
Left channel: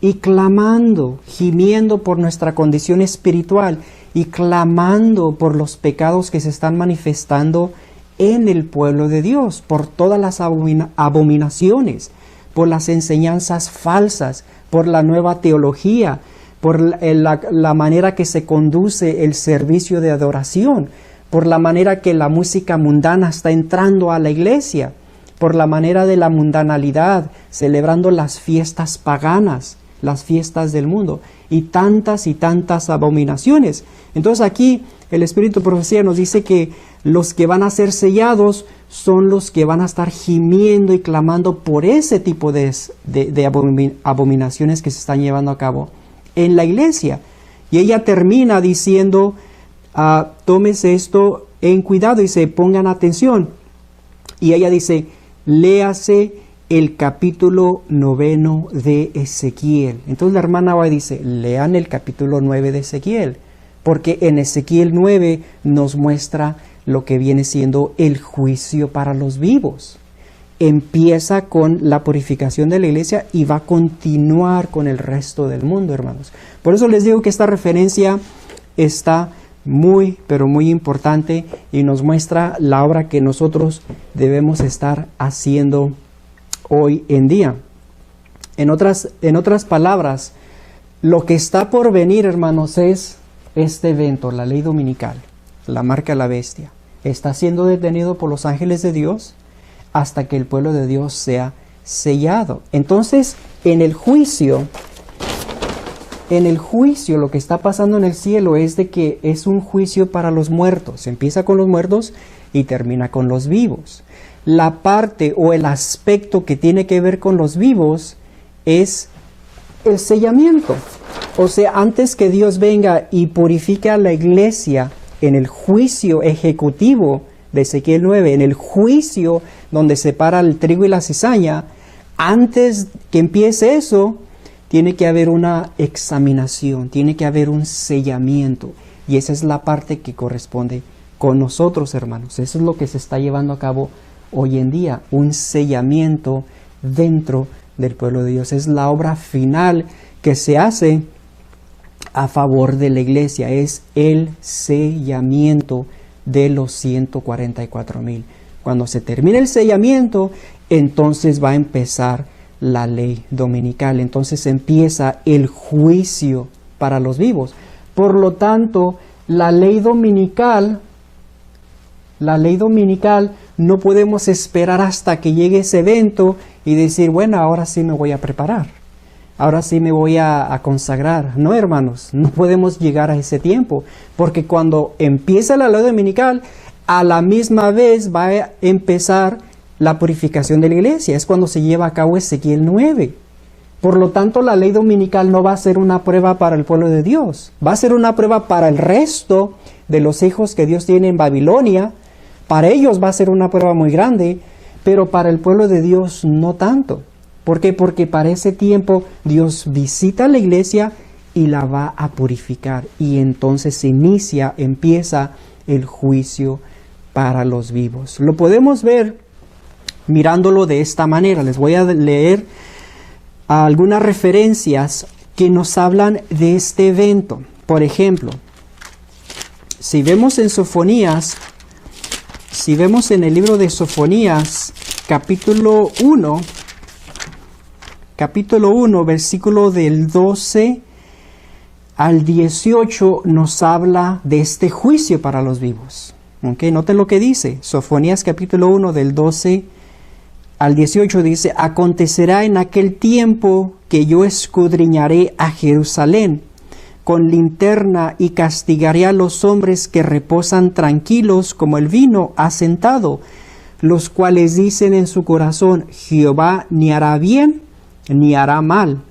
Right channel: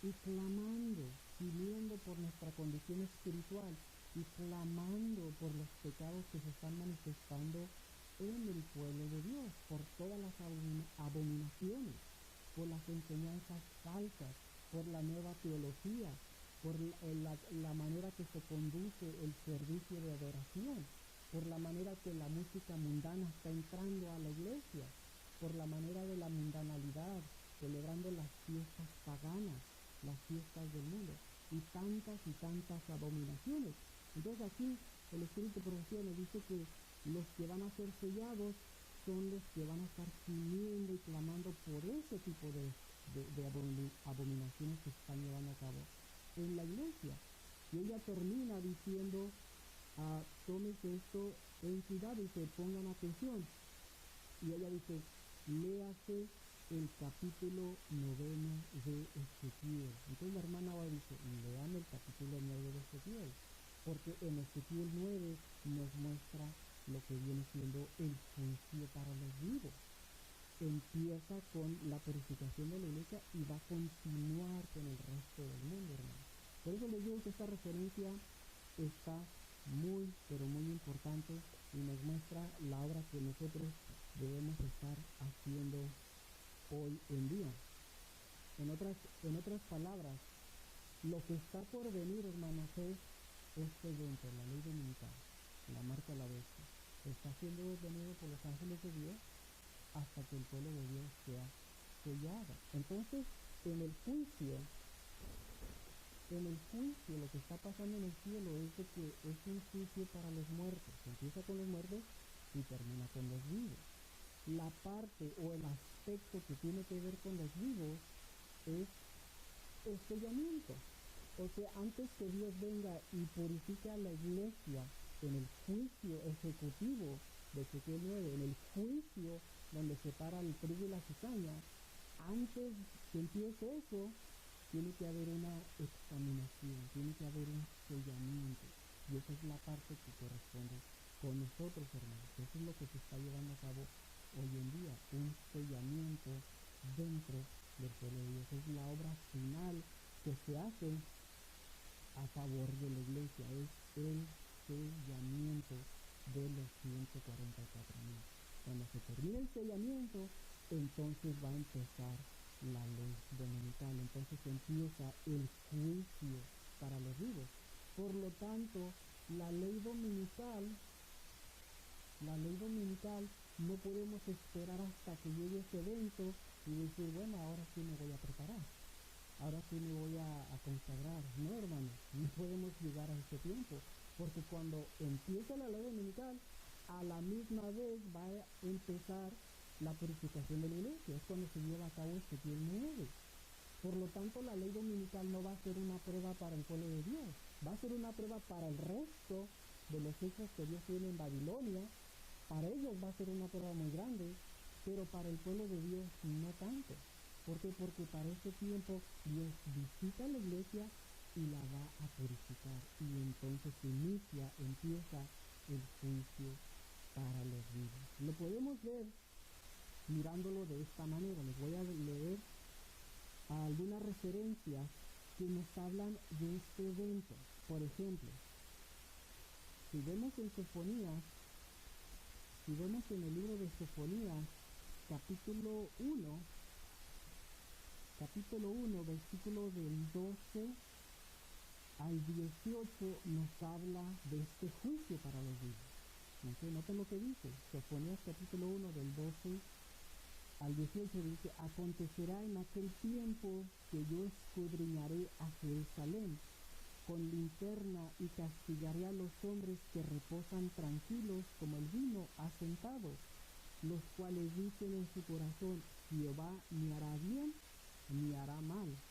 y clamando, gimiendo por nuestra condición espiritual y clamando por los pecados que se están manifestando en el pueblo de Dios, por todas las abominaciones, por las enseñanzas falsas, por la nueva teología, por la manera que se conduce el servicio de adoración, por la manera que la música mundana está entrando a la iglesia, por la manera de la mundanalidad, celebrando las fiestas paganas, las fiestas del mundo, y tantas abominaciones. Entonces aquí el Espíritu de Profecía nos dice que los que van a ser sellados son los que van a estar gimiendo y clamando por ese tipo de abominaciones que se están llevando a cabo en la iglesia. Y ella termina diciendo, tómese esto en cuidado, y se pongan atención. Y ella dice, léase el capítulo 9 de Ezequiel. Entonces la hermana va y dice, lean el capítulo 9 de Ezequiel, porque en Ezequiel 9 nos muestra lo que viene siendo el juicio para los vivos. Empieza con la purificación de la iglesia y va a continuar con el resto del mundo, hermanos. Por eso les digo que esta referencia está muy, pero muy importante y nos muestra la obra que nosotros debemos estar haciendo hoy en día. En otras palabras, lo que está por venir, hermanos, es este evento, la ley dominical, la marca de la bestia. Está siendo detenido por los ángeles de Dios hasta que el pueblo de Dios sea sellado. Entonces, en el juicio, lo que está pasando en el cielo es de que es un juicio para los muertos. Empieza con los muertos y termina con los vivos. La parte o el aspecto que tiene que ver con los vivos es el sellamiento. O sea, antes que Dios venga y purifique a la iglesia en el juicio ejecutivo de Ezequiel 9, en el juicio donde separa el trigo y la cizaña, antes que empiece eso, tiene que haber una examinación, tiene que haber un sellamiento. Y esa es la parte que corresponde con nosotros, hermanos. Eso es lo que se está llevando a cabo hoy en día, un sellamiento dentro del pueblo de Dios. Es la obra final que se hace a favor de la iglesia, es el sellamiento de los 144,000. Cuando se termine el sellamiento, entonces va a empezar la ley dominical. Entonces empieza el juicio para los vivos. Por lo tanto, la ley dominical, no podemos esperar hasta que llegue ese evento y decir, bueno, ahora sí me voy a preparar. Ahora sí me voy a consagrar. No, hermanos, no podemos llegar a ese tiempo, porque cuando empieza la ley dominical, a la misma vez va a empezar la purificación de la iglesia. Es cuando se lleva a cabo Ezequiel 9. Por lo tanto, la ley dominical no va a ser una prueba para el pueblo de Dios. Va a ser una prueba para el resto de los hijos que Dios tiene en Babilonia. Para ellos va a ser una prueba muy grande, pero para el pueblo de Dios no tanto. ¿Por qué? Porque para ese tiempo Dios visita la iglesia y la va a purificar. Y entonces empieza el juicio para los vivos. Lo podemos ver mirándolo de esta manera. Les voy a leer algunas referencias que nos hablan de este evento. Por ejemplo, si vemos en el libro de Sofonías, capítulo 1, versículo del 12 al 18, nos habla de este juicio para los vivos. ¿Okay? Noten lo que dice. Sofonías capítulo 1 del 12 al 18 dice, acontecerá en aquel tiempo que yo escudriñaré a Jerusalén con linterna y castigaré a los hombres que reposan tranquilos como el vino asentado, los cuales dicen en su corazón, Jehová ni hará bien ni hará mal.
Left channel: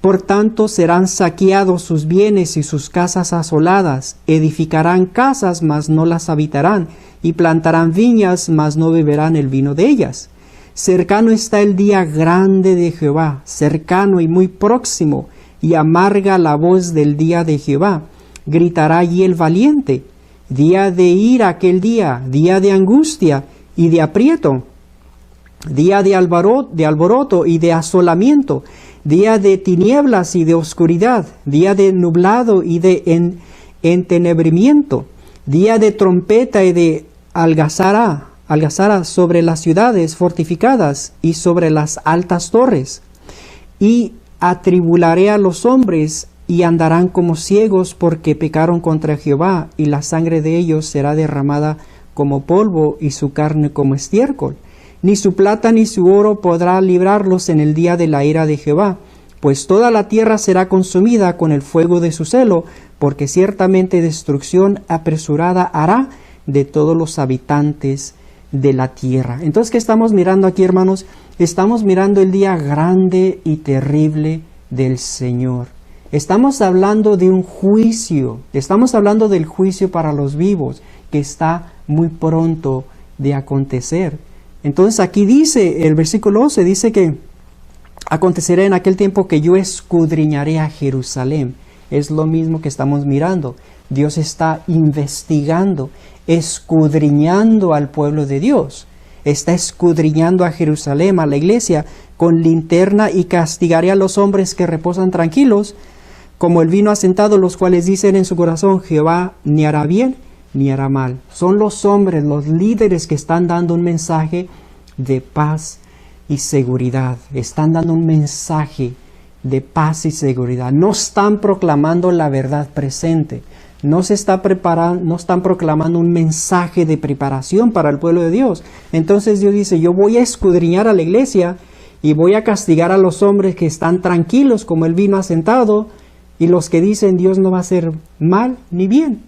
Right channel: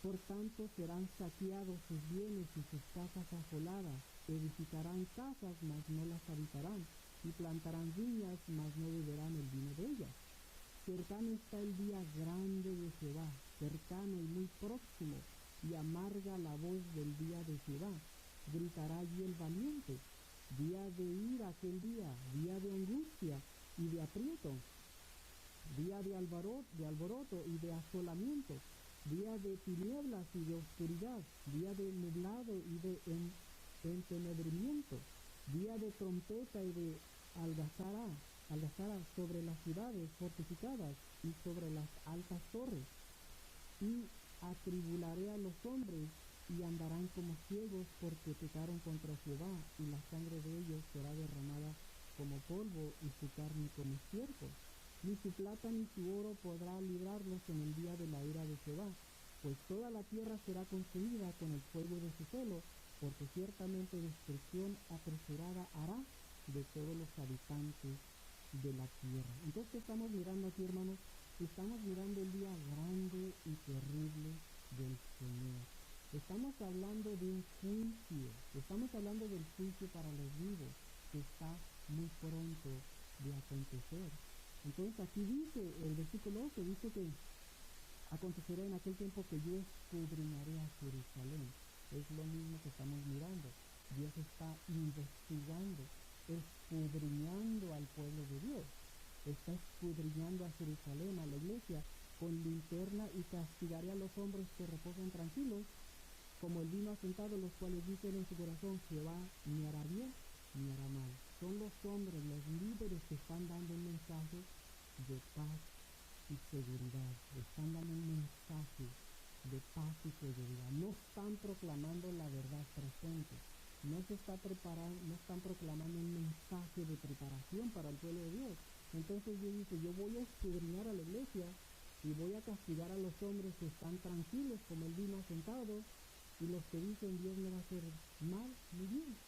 Por tanto serán saqueados sus bienes y sus casas asoladas, edificarán casas, mas no las habitarán, y plantarán viñas, mas no beberán el vino de ellas. Cercano está el día grande de Jehová, cercano y muy próximo, y amarga la voz del día de Jehová. Gritará allí el valiente. Día de ira aquel día de angustia y de aprieto, día de alboroto y de asolamiento, día de tinieblas y de oscuridad, día de nublado y de entenebrimiento, día de trompeta y de algazara sobre las ciudades fortificadas y sobre las altas torres. Y atribularé a los hombres, y andarán como ciegos porque pecaron contra Jehová, y la sangre de ellos será derramada como polvo y su carne como estiércol. Ni su plata ni su oro podrá librarlos en el día de la ira de Jehová, pues toda la tierra será consumida con el fuego de su celo, porque ciertamente destrucción apresurada hará de todos los habitantes de la tierra. Entonces, ¿qué estamos mirando aquí, hermanos? Estamos mirando el día grande y terrible del Señor. Estamos hablando de un juicio, estamos hablando del juicio para los vivos, que está muy pronto de acontecer. Entonces aquí dice, el versículo 11 dice que acontecerá en aquel tiempo que yo escudriñaré a Jerusalén. Es lo mismo que estamos mirando. Dios está investigando, escudriñando al pueblo de Dios. Está escudriñando a Jerusalén, a la iglesia, con linterna, y castigaré a los hombres que reposan tranquilos, como el vino asentado, los cuales dicen en su corazón, Jehová ni hará bien ni hará mal. Son los hombres, los líderes que están dando un mensaje de paz y seguridad. Están dando un mensaje de paz y seguridad. No están proclamando la verdad presente. No están proclamando un mensaje de preparación para el pueblo de Dios. Entonces Dios dice, yo voy a escudriñar a la iglesia y voy a castigar a los hombres que están tranquilos como el vino asentado, y los que dicen Dios no va a hacer mal ni bien.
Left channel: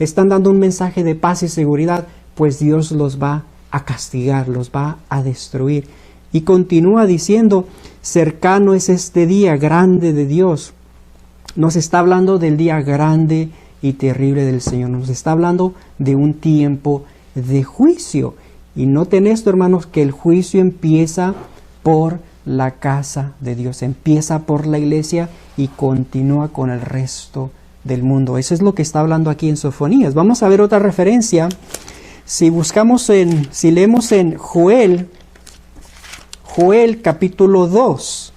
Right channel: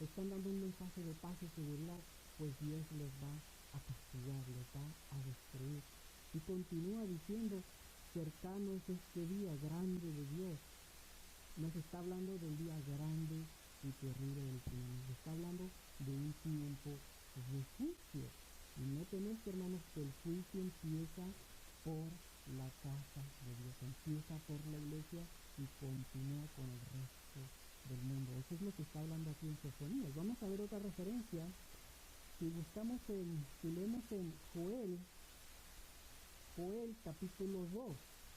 Están dando un mensaje de paz y seguridad, pues Dios los va a castigar, los va a destruir. Y continúa diciendo, cercano es este día grande de Dios. Nos está hablando del día grande y terrible del Señor. Nos está hablando de un tiempo de juicio. Y noten esto, hermanos, que el juicio empieza por la casa de Dios, empieza por la iglesia y continúa con el resto del mundo. Eso es lo que está hablando aquí en Sofonías. Vamos a ver otra referencia. Si leemos en Joel capítulo 2.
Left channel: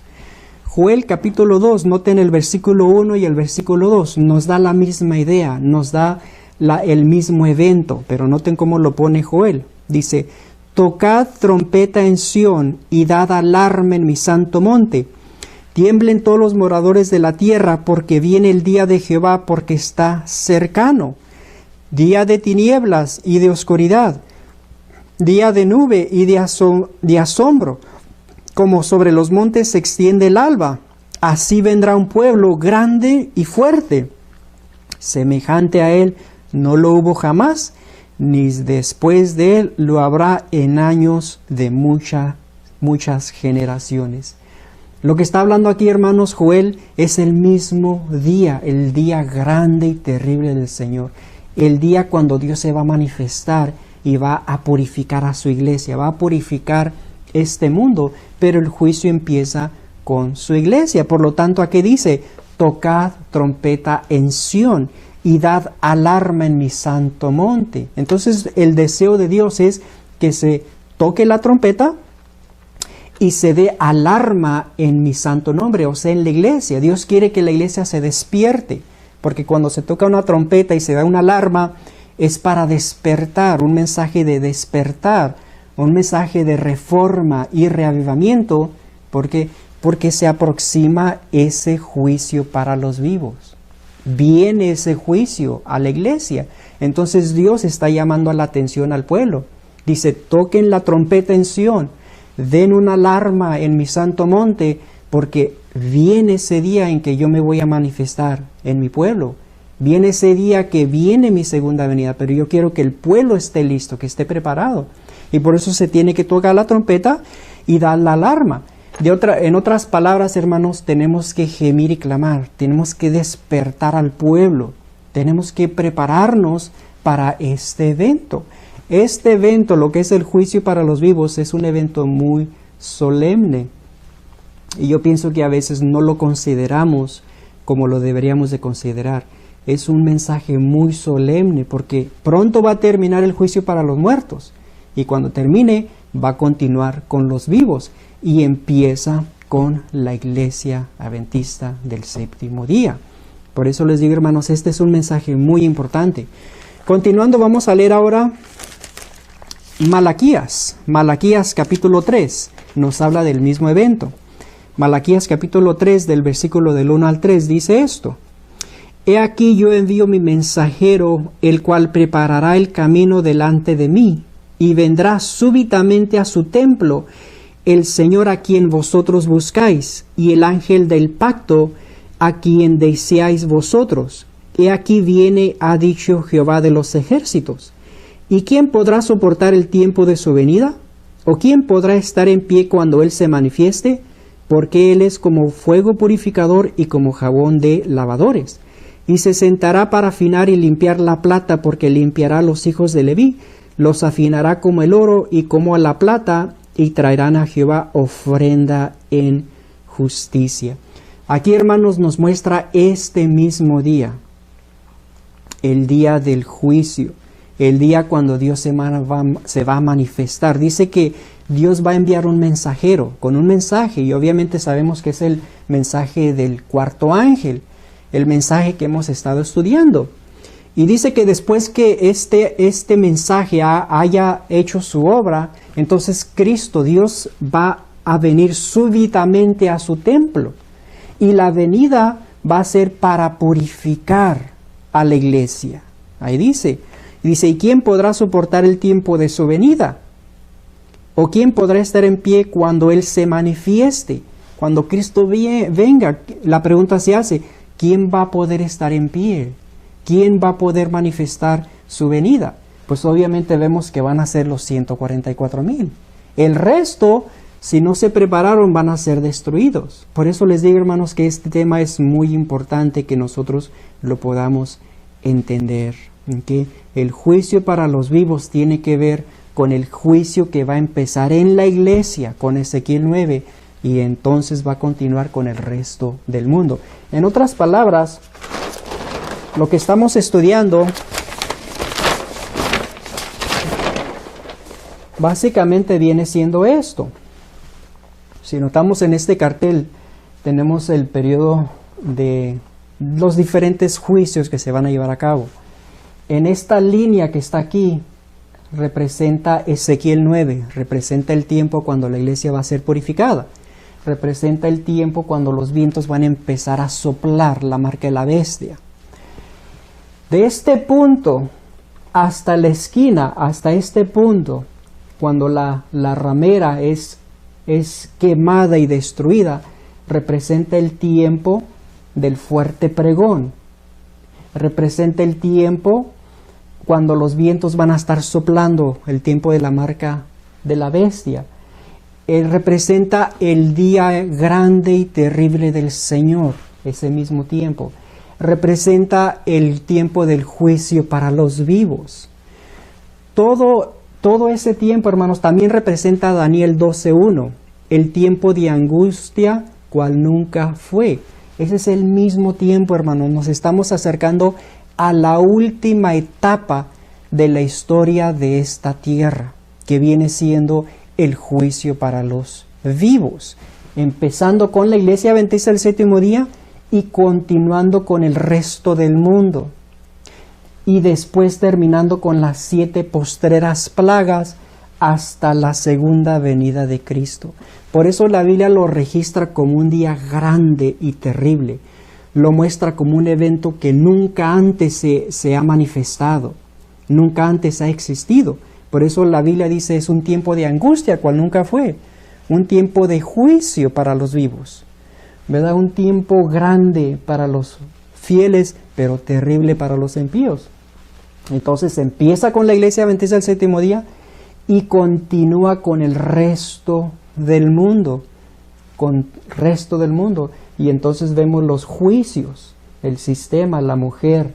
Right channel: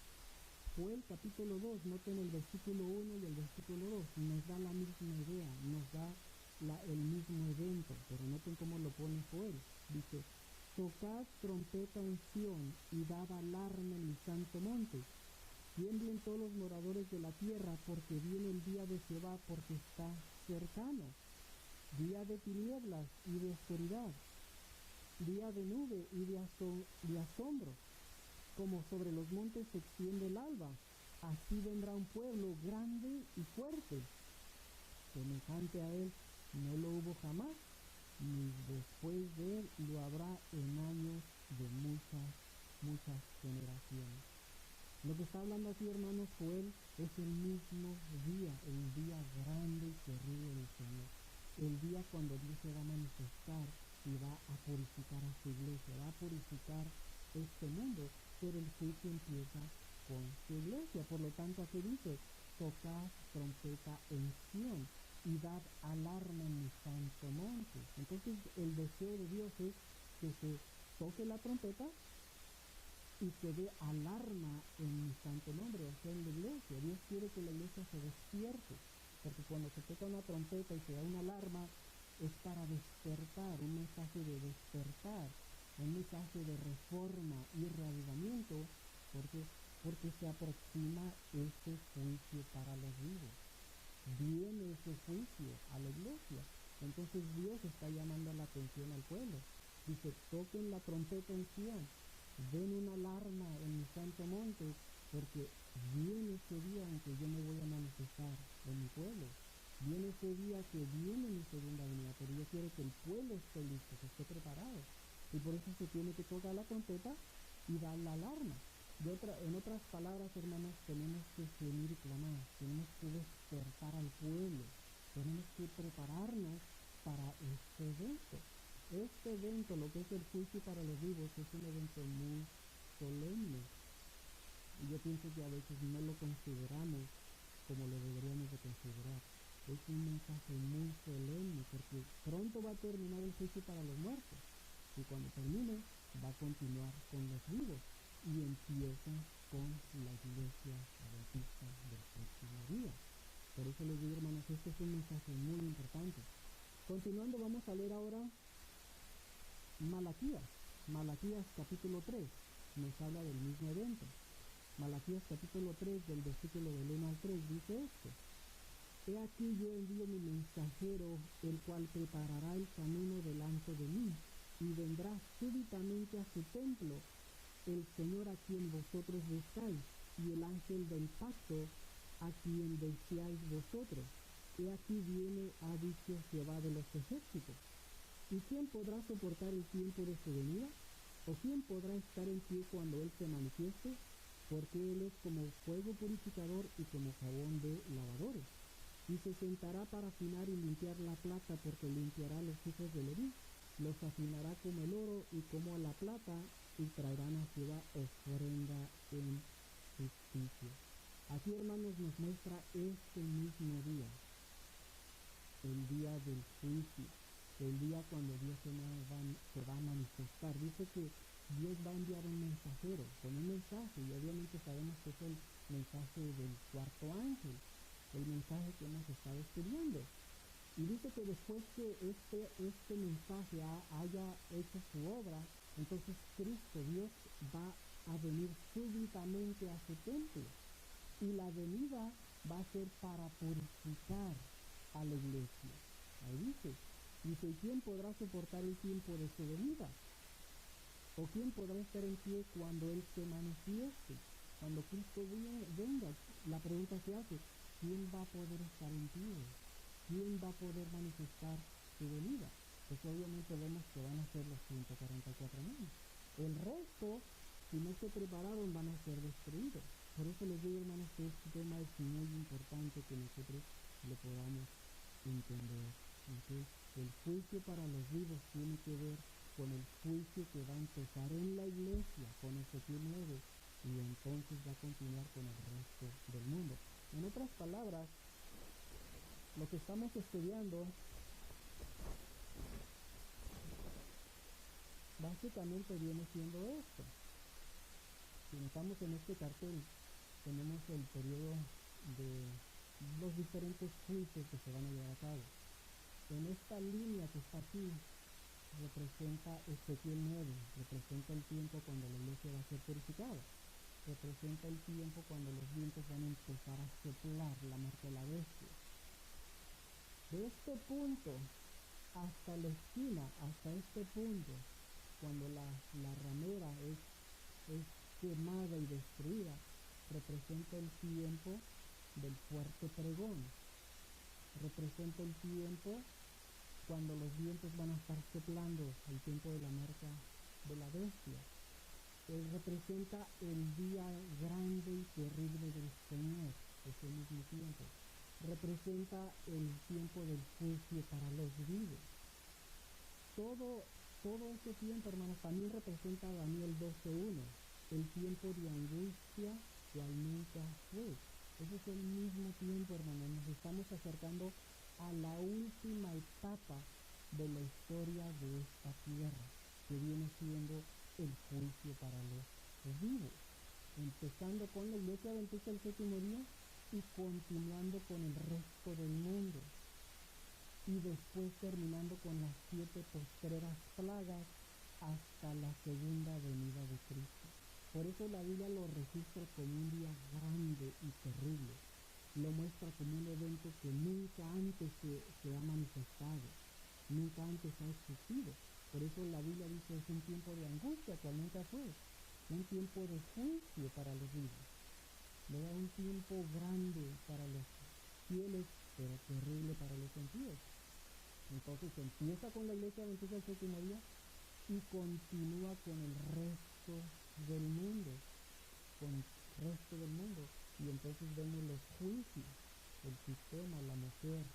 Joel capítulo 2, noten el versículo 1 y el versículo 2. Nos da la misma idea, nos da el mismo evento, pero noten cómo lo pone Joel. Dice, tocad trompeta en Sión y dad alarma en mi santo monte. Tiemblen todos los moradores de la tierra, porque viene el día de Jehová, porque está cercano. Día de tinieblas y de oscuridad, día de nube y de asombro, como sobre los montes se extiende el alba. Así vendrá un pueblo grande y fuerte. Semejante a él no lo hubo jamás, ni después de él lo habrá en años de muchas generaciones. Lo que está hablando aquí, hermanos, Joel, es el mismo día, el día grande y terrible del Señor. El día cuando Dios se va a manifestar y va a purificar a su iglesia, va a purificar este mundo, pero el juicio empieza con su iglesia. Por lo tanto, aquí dice, tocad trompeta en Sión y dad alarma en mi santo monte. Entonces, el deseo de Dios es que se toque la trompeta y se dé alarma en mi santo nombre, o sea, en la iglesia. Dios quiere que la iglesia se despierte, porque cuando se toca una trompeta y se da una alarma, es para despertar, un mensaje de despertar, un mensaje de reforma y reavivamiento, porque se aproxima ese juicio para los vivos. Viene ese juicio a la iglesia. Entonces Dios está llamando a la atención al pueblo. Dice, toquen la trompeta en Sión, den una alarma en mi santo monte, porque viene ese día en que yo me voy a manifestar en mi pueblo. Viene ese día que viene mi segunda venida, pero yo quiero que el pueblo esté listo, que esté preparado. Y por eso se tiene que tocar la trompeta y dar la alarma. En otras palabras, hermanos, tenemos que gemir y clamar, tenemos que despertar al pueblo, tenemos que prepararnos para este evento. Este evento, lo que es el juicio para los vivos, es un evento muy solemne. Y yo pienso que a veces no lo consideramos como lo deberíamos de considerar. Es un mensaje muy solemne porque pronto va a terminar el juicio para los muertos. Y cuando termine, va a continuar con los vivos. Y empieza con la iglesia adventista del séptimo día. Por eso les digo, hermanos, este es un mensaje muy importante. Continuando, vamos a leer ahora Malaquías. Malaquías capítulo 3 nos habla del mismo evento. Malaquías capítulo 3 del versículo del 1 al 3 dice esto: He aquí yo envío mi mensajero, el cual preparará el camino delante de mí, y vendrá súbitamente a su templo el Señor a quien vosotros buscáis, y el ángel del pacto a quien deseáis vosotros. He aquí viene, ha dicho Jehová de los ejércitos. ¿Y quién podrá soportar el tiempo de su venida? ¿O quién podrá estar en pie cuando Él se manifieste? Porque Él es como fuego purificador y como jabón de lavadores. Y se sentará para afinar y limpiar la plata, porque limpiará a los hijos de Leví, los afinará como el oro y como a la plata, y traerán a Jehová ofrenda en justicia. Aquí, hermanos, nos muestra este mismo día, el día del juicio, el día cuando Dios se va a manifestar. Dice que Dios va a enviar un mensajero con un mensaje, y obviamente sabemos que es el mensaje del cuarto ángel, el mensaje que hemos estado estudiando. Y dice que después que este mensaje haya hecho su obra, entonces Cristo, Dios, va a venir súbitamente a su templo. Y la venida va a ser para purificar a la iglesia. Ahí dice, ¿y quién podrá soportar el tiempo de su venida? ¿O quién podrá estar en pie cuando Él se manifieste? Cuando Cristo venga, la pregunta se hace, ¿quién va a poder estar en pie? ¿Quién va a poder manifestar su venida? Pues obviamente vemos que van a ser los 144,000. El resto, si no se prepararon, van a ser destruidos. Por eso les digo, hermanos, que este tema es muy importante que nosotros lo podamos entender. ¿Okay? El juicio para los vivos tiene que ver con el juicio que va a empezar en la iglesia, con Ezequiel 9, y entonces va a continuar con el resto del mundo. En otras palabras, lo que estamos estudiando básicamente viene siendo esto. Si notamos en este cartel, tenemos el periodo de los diferentes juicios que se van a llevar a cabo. En esta línea que está aquí, representa Ezequiel 9, representa el tiempo cuando la iglesia va a ser purificada. Representa el tiempo cuando los vientos van a empezar a soplar, la marca de la bestia. De este punto hasta la esquina, hasta este punto, cuando la ramera es quemada y destruida, representa el tiempo del fuerte pregón. Representa el tiempo cuando los vientos van a estar soplando, el tiempo de la marca de la bestia. Representa el día grande y terrible del Señor, ese mismo tiempo. Representa el tiempo del juicio para los vivos. Todo ese tiempo, hermanos, también representa a Daniel 12:1, el tiempo de angustia cual nunca fue. Ese es el mismo tiempo, hermanos. Nos estamos acercando a la última etapa de la historia de esta tierra, que viene siendo el juicio para los vivos, empezando con la iglesia adventista del séptimo día y continuando con el resto del mundo, y después terminando con las 7 postreras plagas hasta la segunda venida de Cristo. Por eso la Biblia lo registra como un día grande y terrible. Lo muestra como un evento que nunca antes se ha manifestado, nunca antes ha existido. Por eso la Biblia dice es un tiempo de angustia, cual nunca fue, un tiempo de juicio para los vivos, ¿verdad? Un tiempo grande para los fieles, pero terrible para los impíos. Entonces empieza con la iglesia adventista del séptimo día y continúa con el resto del mundo, y entonces vemos los juicios, el sistema, la mujer,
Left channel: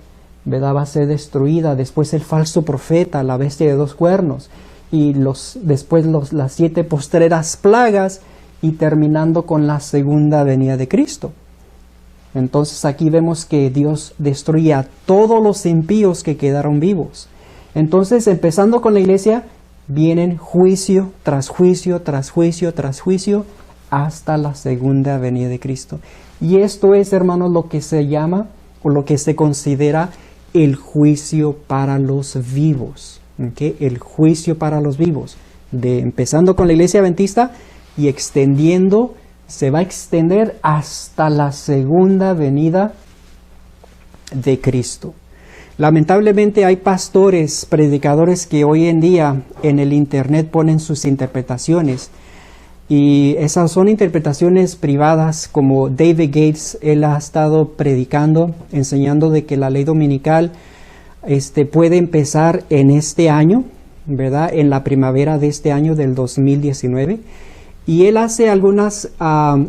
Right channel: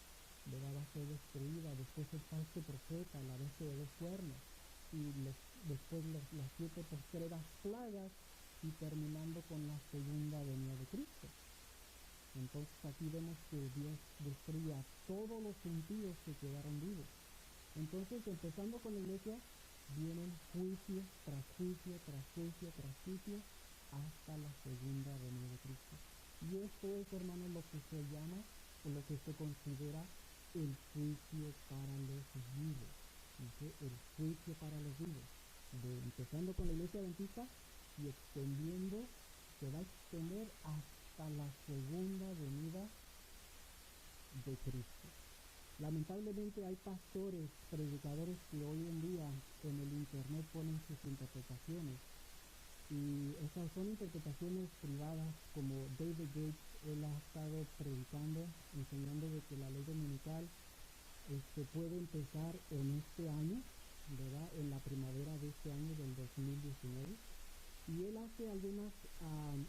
¿verdad? Va a ser destruida. Después el falso profeta, la bestia de dos cuernos, y después las 7 postreras plagas, y terminando con la segunda venida de Cristo. Entonces aquí vemos que Dios destruye a todos los impíos que quedaron vivos. Entonces, empezando con la iglesia, vienen juicio tras juicio, tras juicio, tras juicio, hasta la segunda venida de Cristo. Y esto es, hermanos, lo que se llama, o lo que se considera el juicio para los vivos. ¿Okay? El juicio para los vivos. Empezando con la iglesia adventista y extendiendo, se va a extender hasta la segunda venida de Cristo. Lamentablemente hay pastores, predicadores que hoy en día en el internet ponen sus interpretaciones, y esas son interpretaciones privadas, como David Gates. Él ha estado predicando, enseñando de que la ley dominical puede empezar en este año, ¿verdad? En la primavera de este año del 2019. Y él hace algunas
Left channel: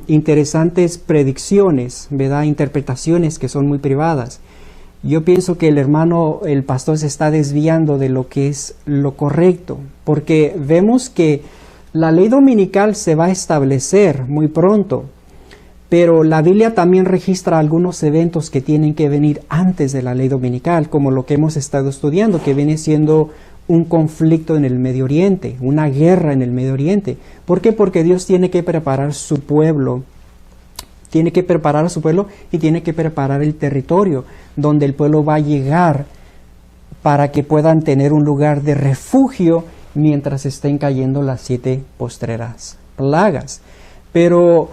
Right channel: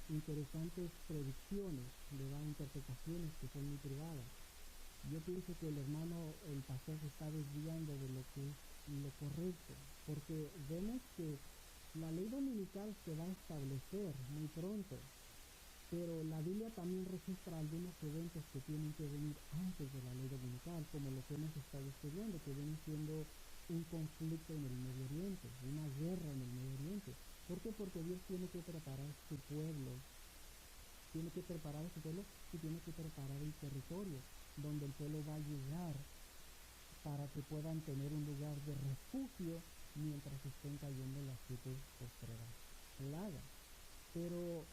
interesantes predicciones, ¿verdad? Interpretaciones que son muy privadas. Yo pienso que el pastor se está desviando de lo que es lo correcto, porque vemos que la ley dominical se va a establecer muy pronto, pero la Biblia también registra algunos eventos que tienen que venir antes de la ley dominical, como lo que hemos estado estudiando, que viene siendo un conflicto en el Medio Oriente, una guerra en el Medio Oriente. ¿Por qué? Porque Dios tiene que preparar su pueblo, y tiene que preparar el territorio donde el pueblo va a llegar, para que puedan tener un lugar de refugio mientras estén cayendo las 7 postreras plagas. Pero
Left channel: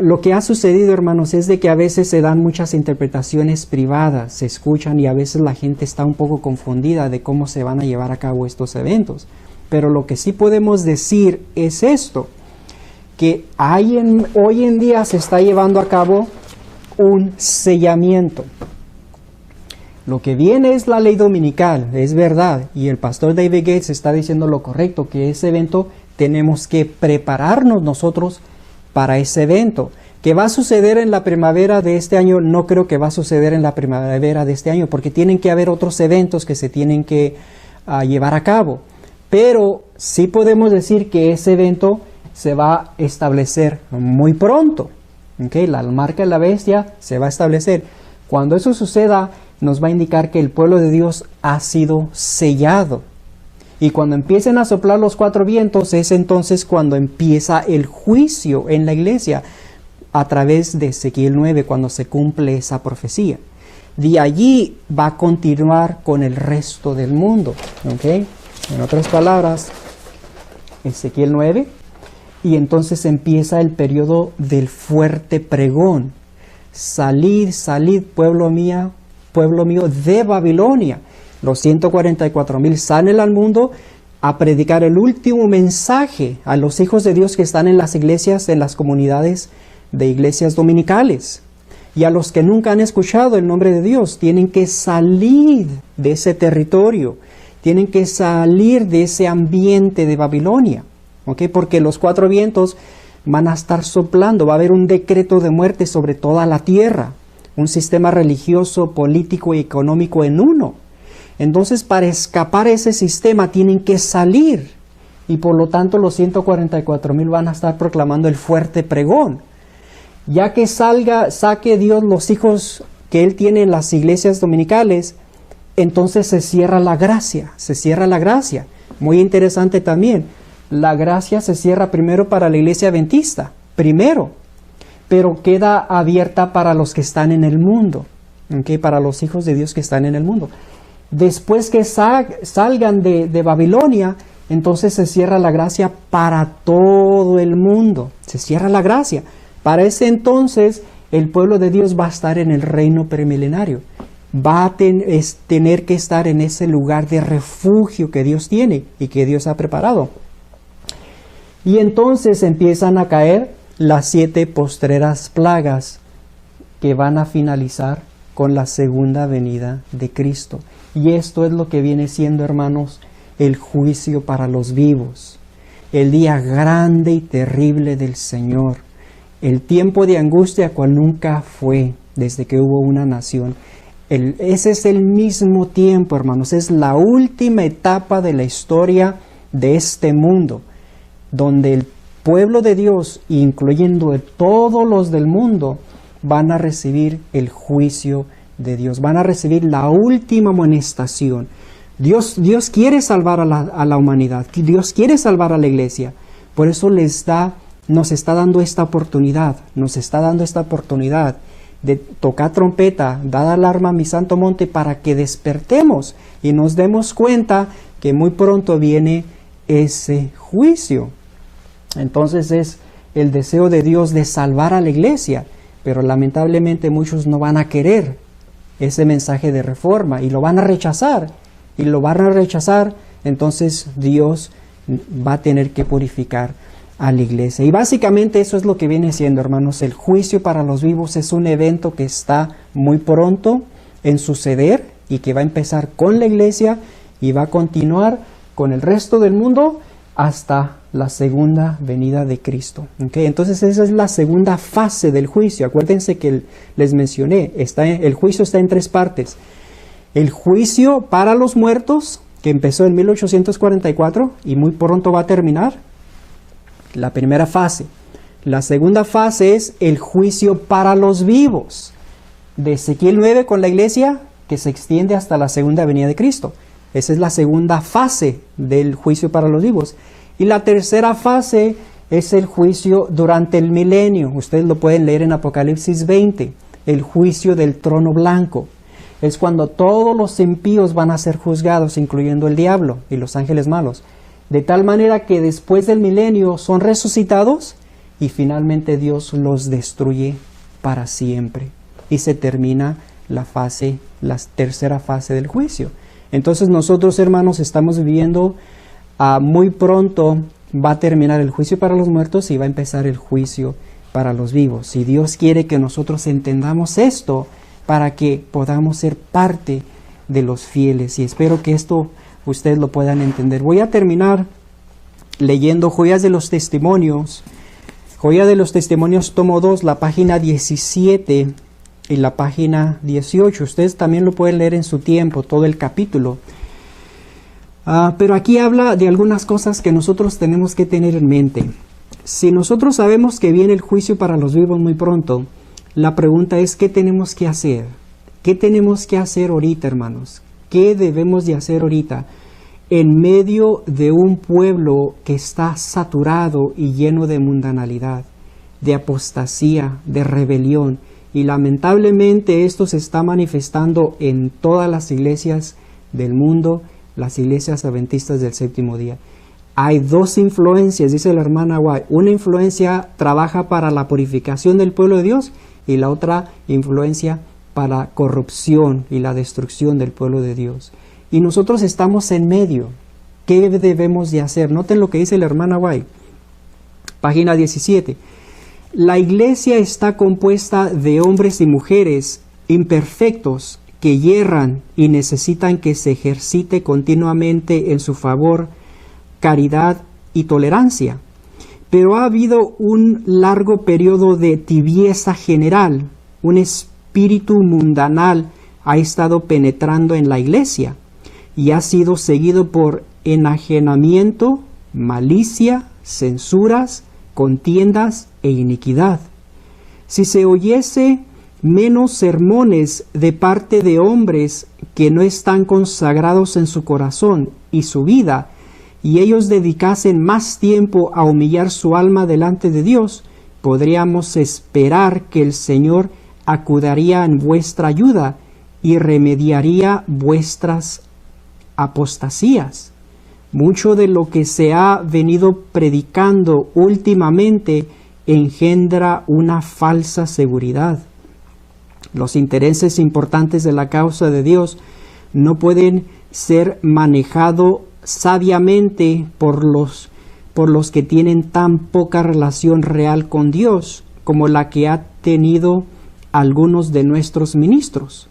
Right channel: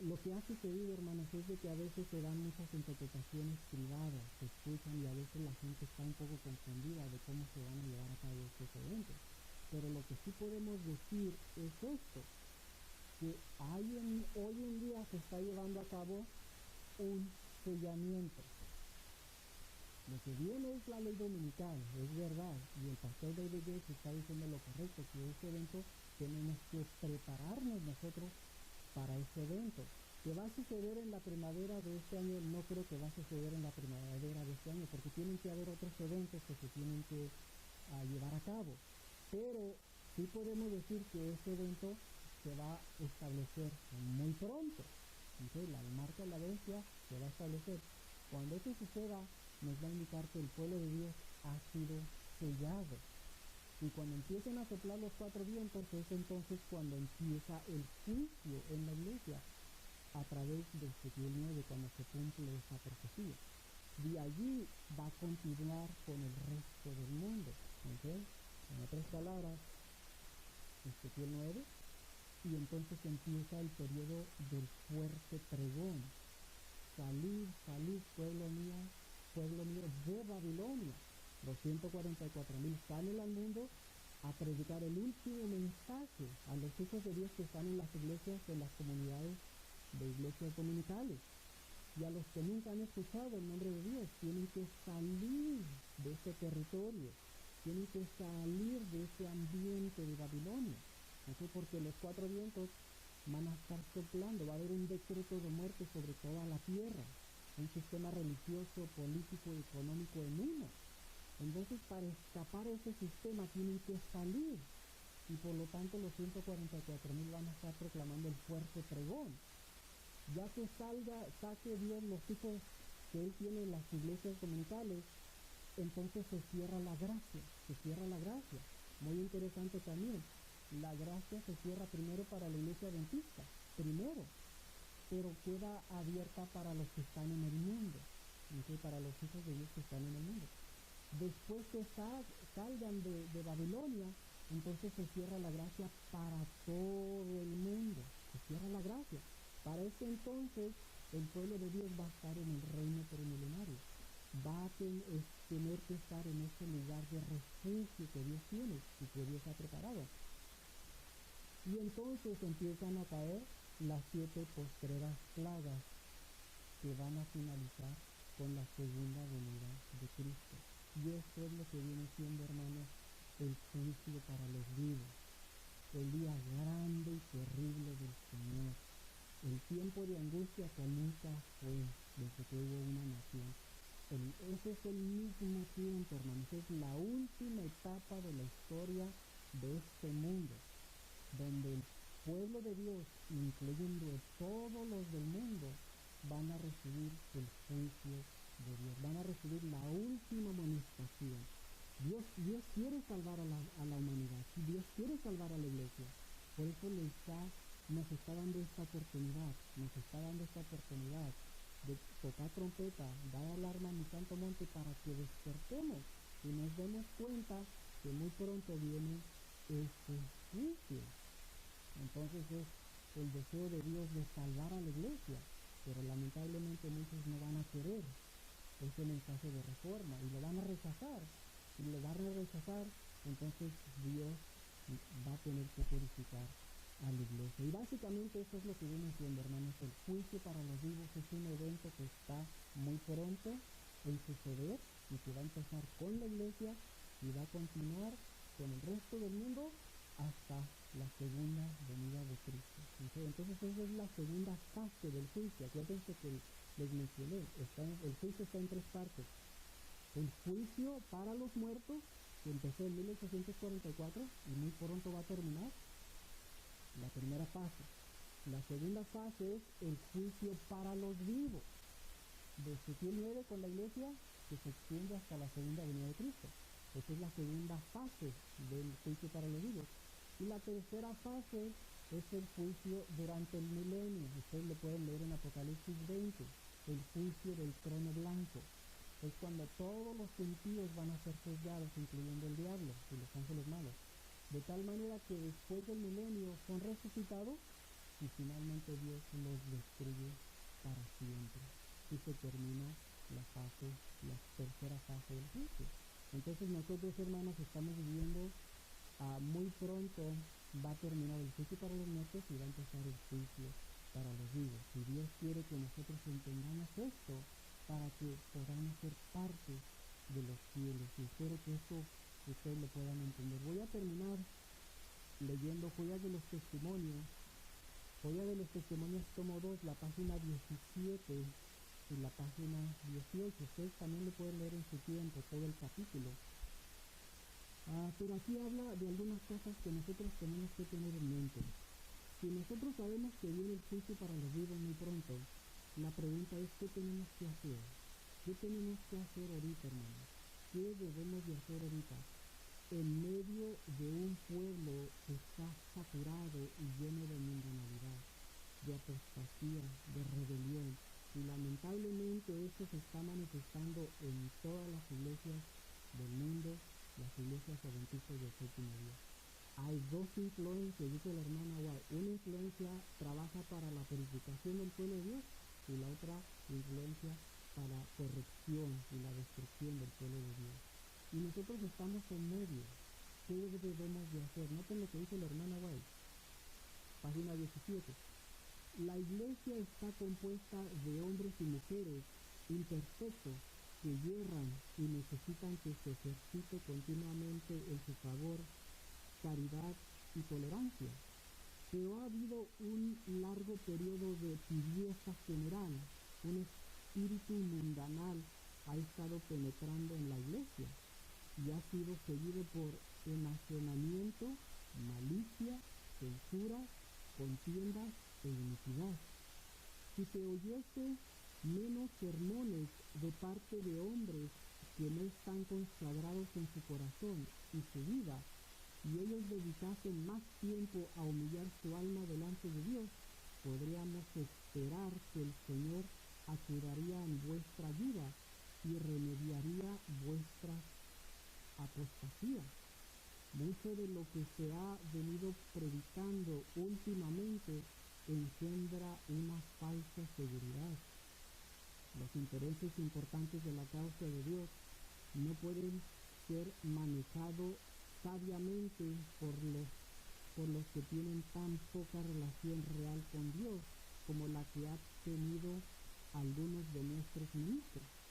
lo que ha sucedido, hermanos, es de que a veces se dan muchas interpretaciones privadas, se escuchan, y a veces la gente está un poco confundida de cómo se van a llevar a cabo estos eventos. Pero lo que sí podemos decir es esto, que hoy en día se está llevando a cabo un sellamiento. Lo que viene es la ley dominical, es verdad, y el pastor David Gates está diciendo lo correcto, que ese evento tenemos que prepararnos nosotros para ese evento. ¿Qué va a suceder en la primavera de este año? No creo que va a suceder en la primavera de este año, porque tienen que haber otros eventos que se tienen que llevar a cabo. Pero sí podemos decir que ese evento se va a establecer muy pronto. ¿Okay? La marca de la bestia se va a establecer. Cuando eso suceda, nos va a indicar que el pueblo de Dios ha sido sellado. Y cuando empiecen a soplar los 4 vientos, es entonces cuando empieza el juicio en la iglesia, a través de Ezequiel 9, cuando se cumple esa profecía. De allí va a continuar con el resto del mundo. ¿Okay? En otras palabras, Ezequiel 9, y entonces empieza el periodo del fuerte pregón. Salid, salid, pueblo mío, de Babilonia. Los 144,000 salen al mundo a predicar el último mensaje a los hijos de Dios que están en las iglesias, en las comunidades de iglesias dominicales. Y a los que nunca han escuchado el nombre de Dios, tienen que salir de ese territorio, tienen que salir de ese ambiente de Babilonia, ¿okay? Porque los 4 vientos van a estar soplando, va a haber un decreto de muerte sobre toda la tierra, un sistema religioso, político y económico en uno. Entonces, para escapar ese sistema tienen que salir, y por lo tanto los 144,000 van a estar proclamando el fuerte pregón. Ya que saque Dios los hijos que Él tiene en las iglesias dominicales, entonces se cierra la gracia, Muy interesante también, la gracia se cierra primero para la iglesia adventista, pero queda abierta para los que están en el mundo, ¿okay? Para los hijos de Dios que están en el mundo. Después que salgan de Babilonia, entonces se cierra la gracia para todo el mundo, se cierra la gracia. Para ese entonces, el pueblo de Dios va a estar en el reino premilenario. Va a tener que estar en ese lugar de refugio que Dios tiene y que Dios ha preparado. Y entonces empiezan a caer las 7 postreras plagas, que van a finalizar con la segunda venida de Cristo. Y esto es lo que viene siendo, hermanos, el juicio para los vivos. El día grande y terrible del Señor. El tiempo de angustia cual nunca fue desde que hubo una nación. Ese es el mismo tiempo, hermanos. Es la última etapa de la historia de este mundo, donde el pueblo de Dios, incluyendo todos los del mundo, van a recibir el juicio de Dios. Van a recibir la última amonestación. Dios quiere salvar a la humanidad. Dios quiere salvar a la iglesia. Por eso nos está dando esta oportunidad. Nos está dando esta oportunidad de tocar trompeta, dar alarma a mi santo monte, para que despertemos y nos demos cuenta que muy pronto viene ese juicio. Entonces es el deseo de Dios de salvar a la iglesia, pero lamentablemente muchos no van a querer ese mensaje de reforma y lo van a rechazar. Y lo van a rechazar, entonces Dios va a tener que purificar a la iglesia. Y básicamente eso es lo que viene siendo, hermanos. El juicio para los vivos es un evento que está muy pronto en suceder y que va a empezar con la iglesia y va a continuar con el resto del mundo hasta la segunda venida de Cristo. ¿Okay? Entonces esa es la segunda fase del juicio. Acuérdense que les mencioné, el juicio está en tres partes. El juicio para los muertos, que empezó en 1844 y muy pronto va a terminar, la primera fase. La segunda fase es el juicio para los vivos, de Ezequiel 9 con la iglesia, que se extiende hasta la segunda venida de Cristo. Esa es la segunda fase del juicio para los vivos. Y la tercera fase es el juicio durante el milenio. Ustedes lo pueden leer en Apocalipsis 20, el juicio del trono blanco. Es cuando todos los impíos van a ser juzgados, incluyendo el diablo y los ángeles malos. De tal manera que después del milenio son resucitados y finalmente Dios los destruye para siempre. Y se termina la tercera fase del juicio. Entonces nosotros, hermanos, estamos viviendo muy pronto va a terminar el juicio para los muertos y va a empezar el juicio para los vivos. Y Dios quiere que nosotros entendamos esto para que podamos ser parte de los fieles. Y espero que esto ustedes lo puedan entender. Voy a terminar leyendo Joyas de los Testimonios. Joya de los Testimonios, tomo 2, la página 17 y la página 18. Ustedes también lo pueden leer en su tiempo, todo el capítulo. Pero aquí habla de algunas cosas que nosotros tenemos que tener en mente. Si nosotros sabemos que viene el juicio para los vivos muy pronto, la pregunta es, ¿qué tenemos que hacer? ¿Qué tenemos que hacer ahorita, hermanos? ¿Qué debemos de hacer ahorita en medio de un pueblo que está saturado y lleno de mundanalidad, de apostasía, de rebelión? Y lamentablemente esto se está manifestando en todas las iglesias del mundo, las iglesias adventistas del séptimo día. Hay dos influencias, dice la hermana White. Una influencia trabaja para la purificación del pueblo de Dios y la otra influencia para corrupción y la destrucción del pueblo de Dios. Y nosotros estamos en medio. ¿Qué debemos de hacer? Noten lo que dice la hermana White. Página 17. La iglesia está compuesta de hombres y mujeres imperfectos que yerran y necesitan que se ejercite continuamente en su favor caridad y tolerancia. Pero ha habido un largo periodo de tibieza general. Un espíritu mundanal ha estado penetrando en la iglesia y ha sido seguido por enajenamiento, malicia, censuras, contiendas e iniquidad. Si se oyese menos sermones de parte de hombres que no están consagrados en su corazón y su vida, y ellos dedicasen más tiempo a humillar su alma delante de Dios, podríamos esperar que el Señor acudiría en vuestra ayuda y remediaría vuestras apostasías. Mucho de lo que se ha venido predicando últimamente engendra una falsa seguridad. Los intereses importantes de la causa de Dios no pueden ser manejados sabiamente por los que tienen tan poca relación real con Dios como la que ha tenido algunos de nuestros ministros.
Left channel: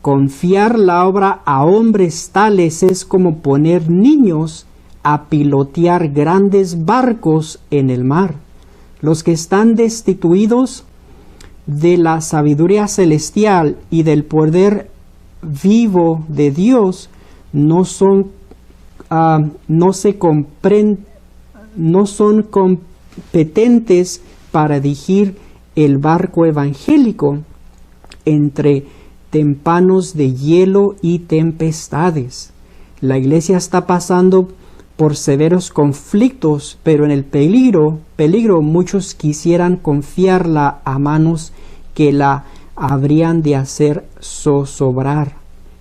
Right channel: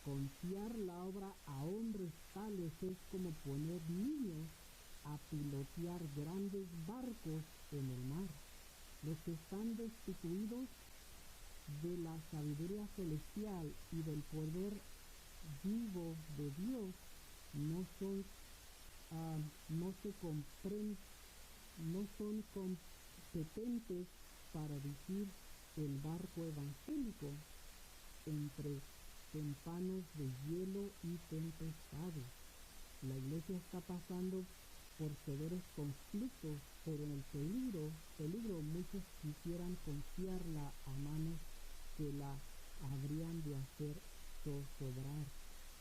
Confiar la obra a hombres tales es como poner niños a pilotear grandes barcos en el mar. Los que están destituidos de la sabiduría celestial y del poder vivo de Dios no son competentes para dirigir el barco evangélico entre tempanos de hielo y tempestades. La iglesia está pasando por severos conflictos, pero en el peligro muchos quisieran confiarla a manos que la habrían de hacer zozobrar.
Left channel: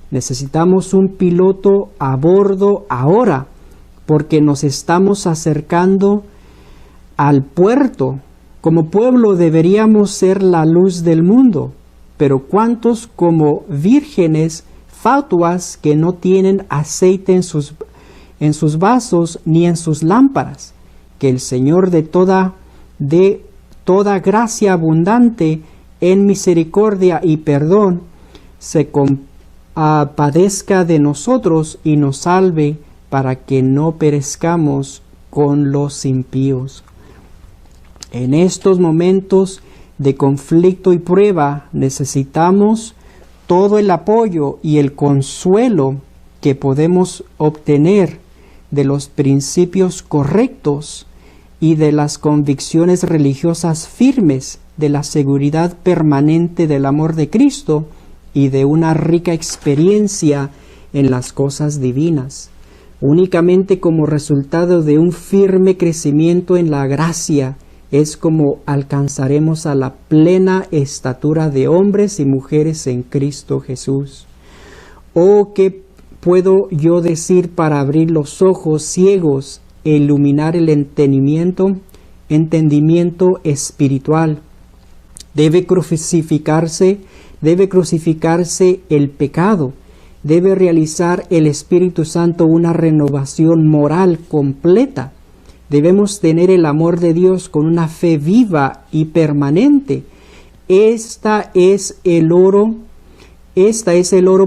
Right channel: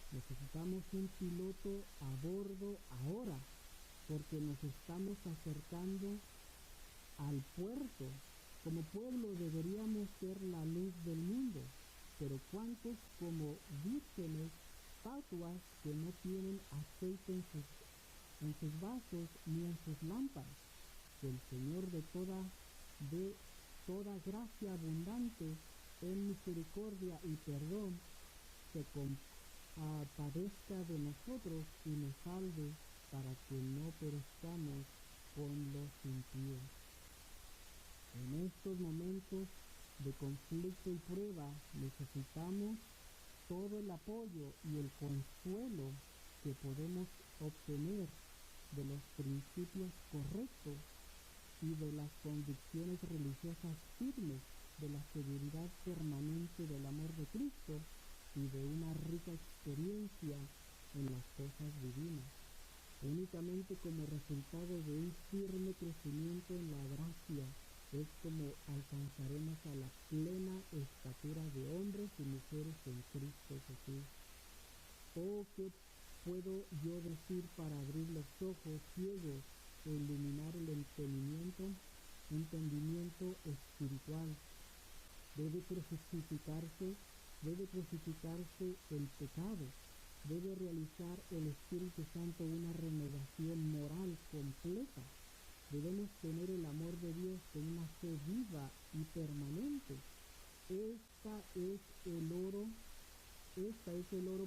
Necesitamos un piloto a bordo ahora, porque nos estamos acercando al puerto. Como pueblo deberíamos ser la luz del mundo, pero ¿cuántos como vírgenes fatuas que no tienen aceite en sus vasos ni en sus lámparas? Que el Señor de toda gracia abundante en misericordia y perdón se compadezca de nosotros y nos salve para que no perezcamos con los impíos. En estos momentos de conflicto y prueba necesitamos todo el apoyo y el consuelo que podemos obtener de los principios correctos y de las convicciones religiosas firmes, de la seguridad permanente del amor de Cristo y de una rica experiencia en las cosas divinas. Únicamente como resultado de un firme crecimiento en la gracia es como alcanzaremos a la plena estatura de hombres y mujeres en Cristo Jesús. Oh, ¿qué puedo yo decir para abrir los ojos ciegos e iluminar el entendimiento espiritual? Debe crucificarse el pecado. Debe realizar el Espíritu Santo una renovación moral completa. Debemos tener el amor de Dios con una fe viva y permanente. Esta es el oro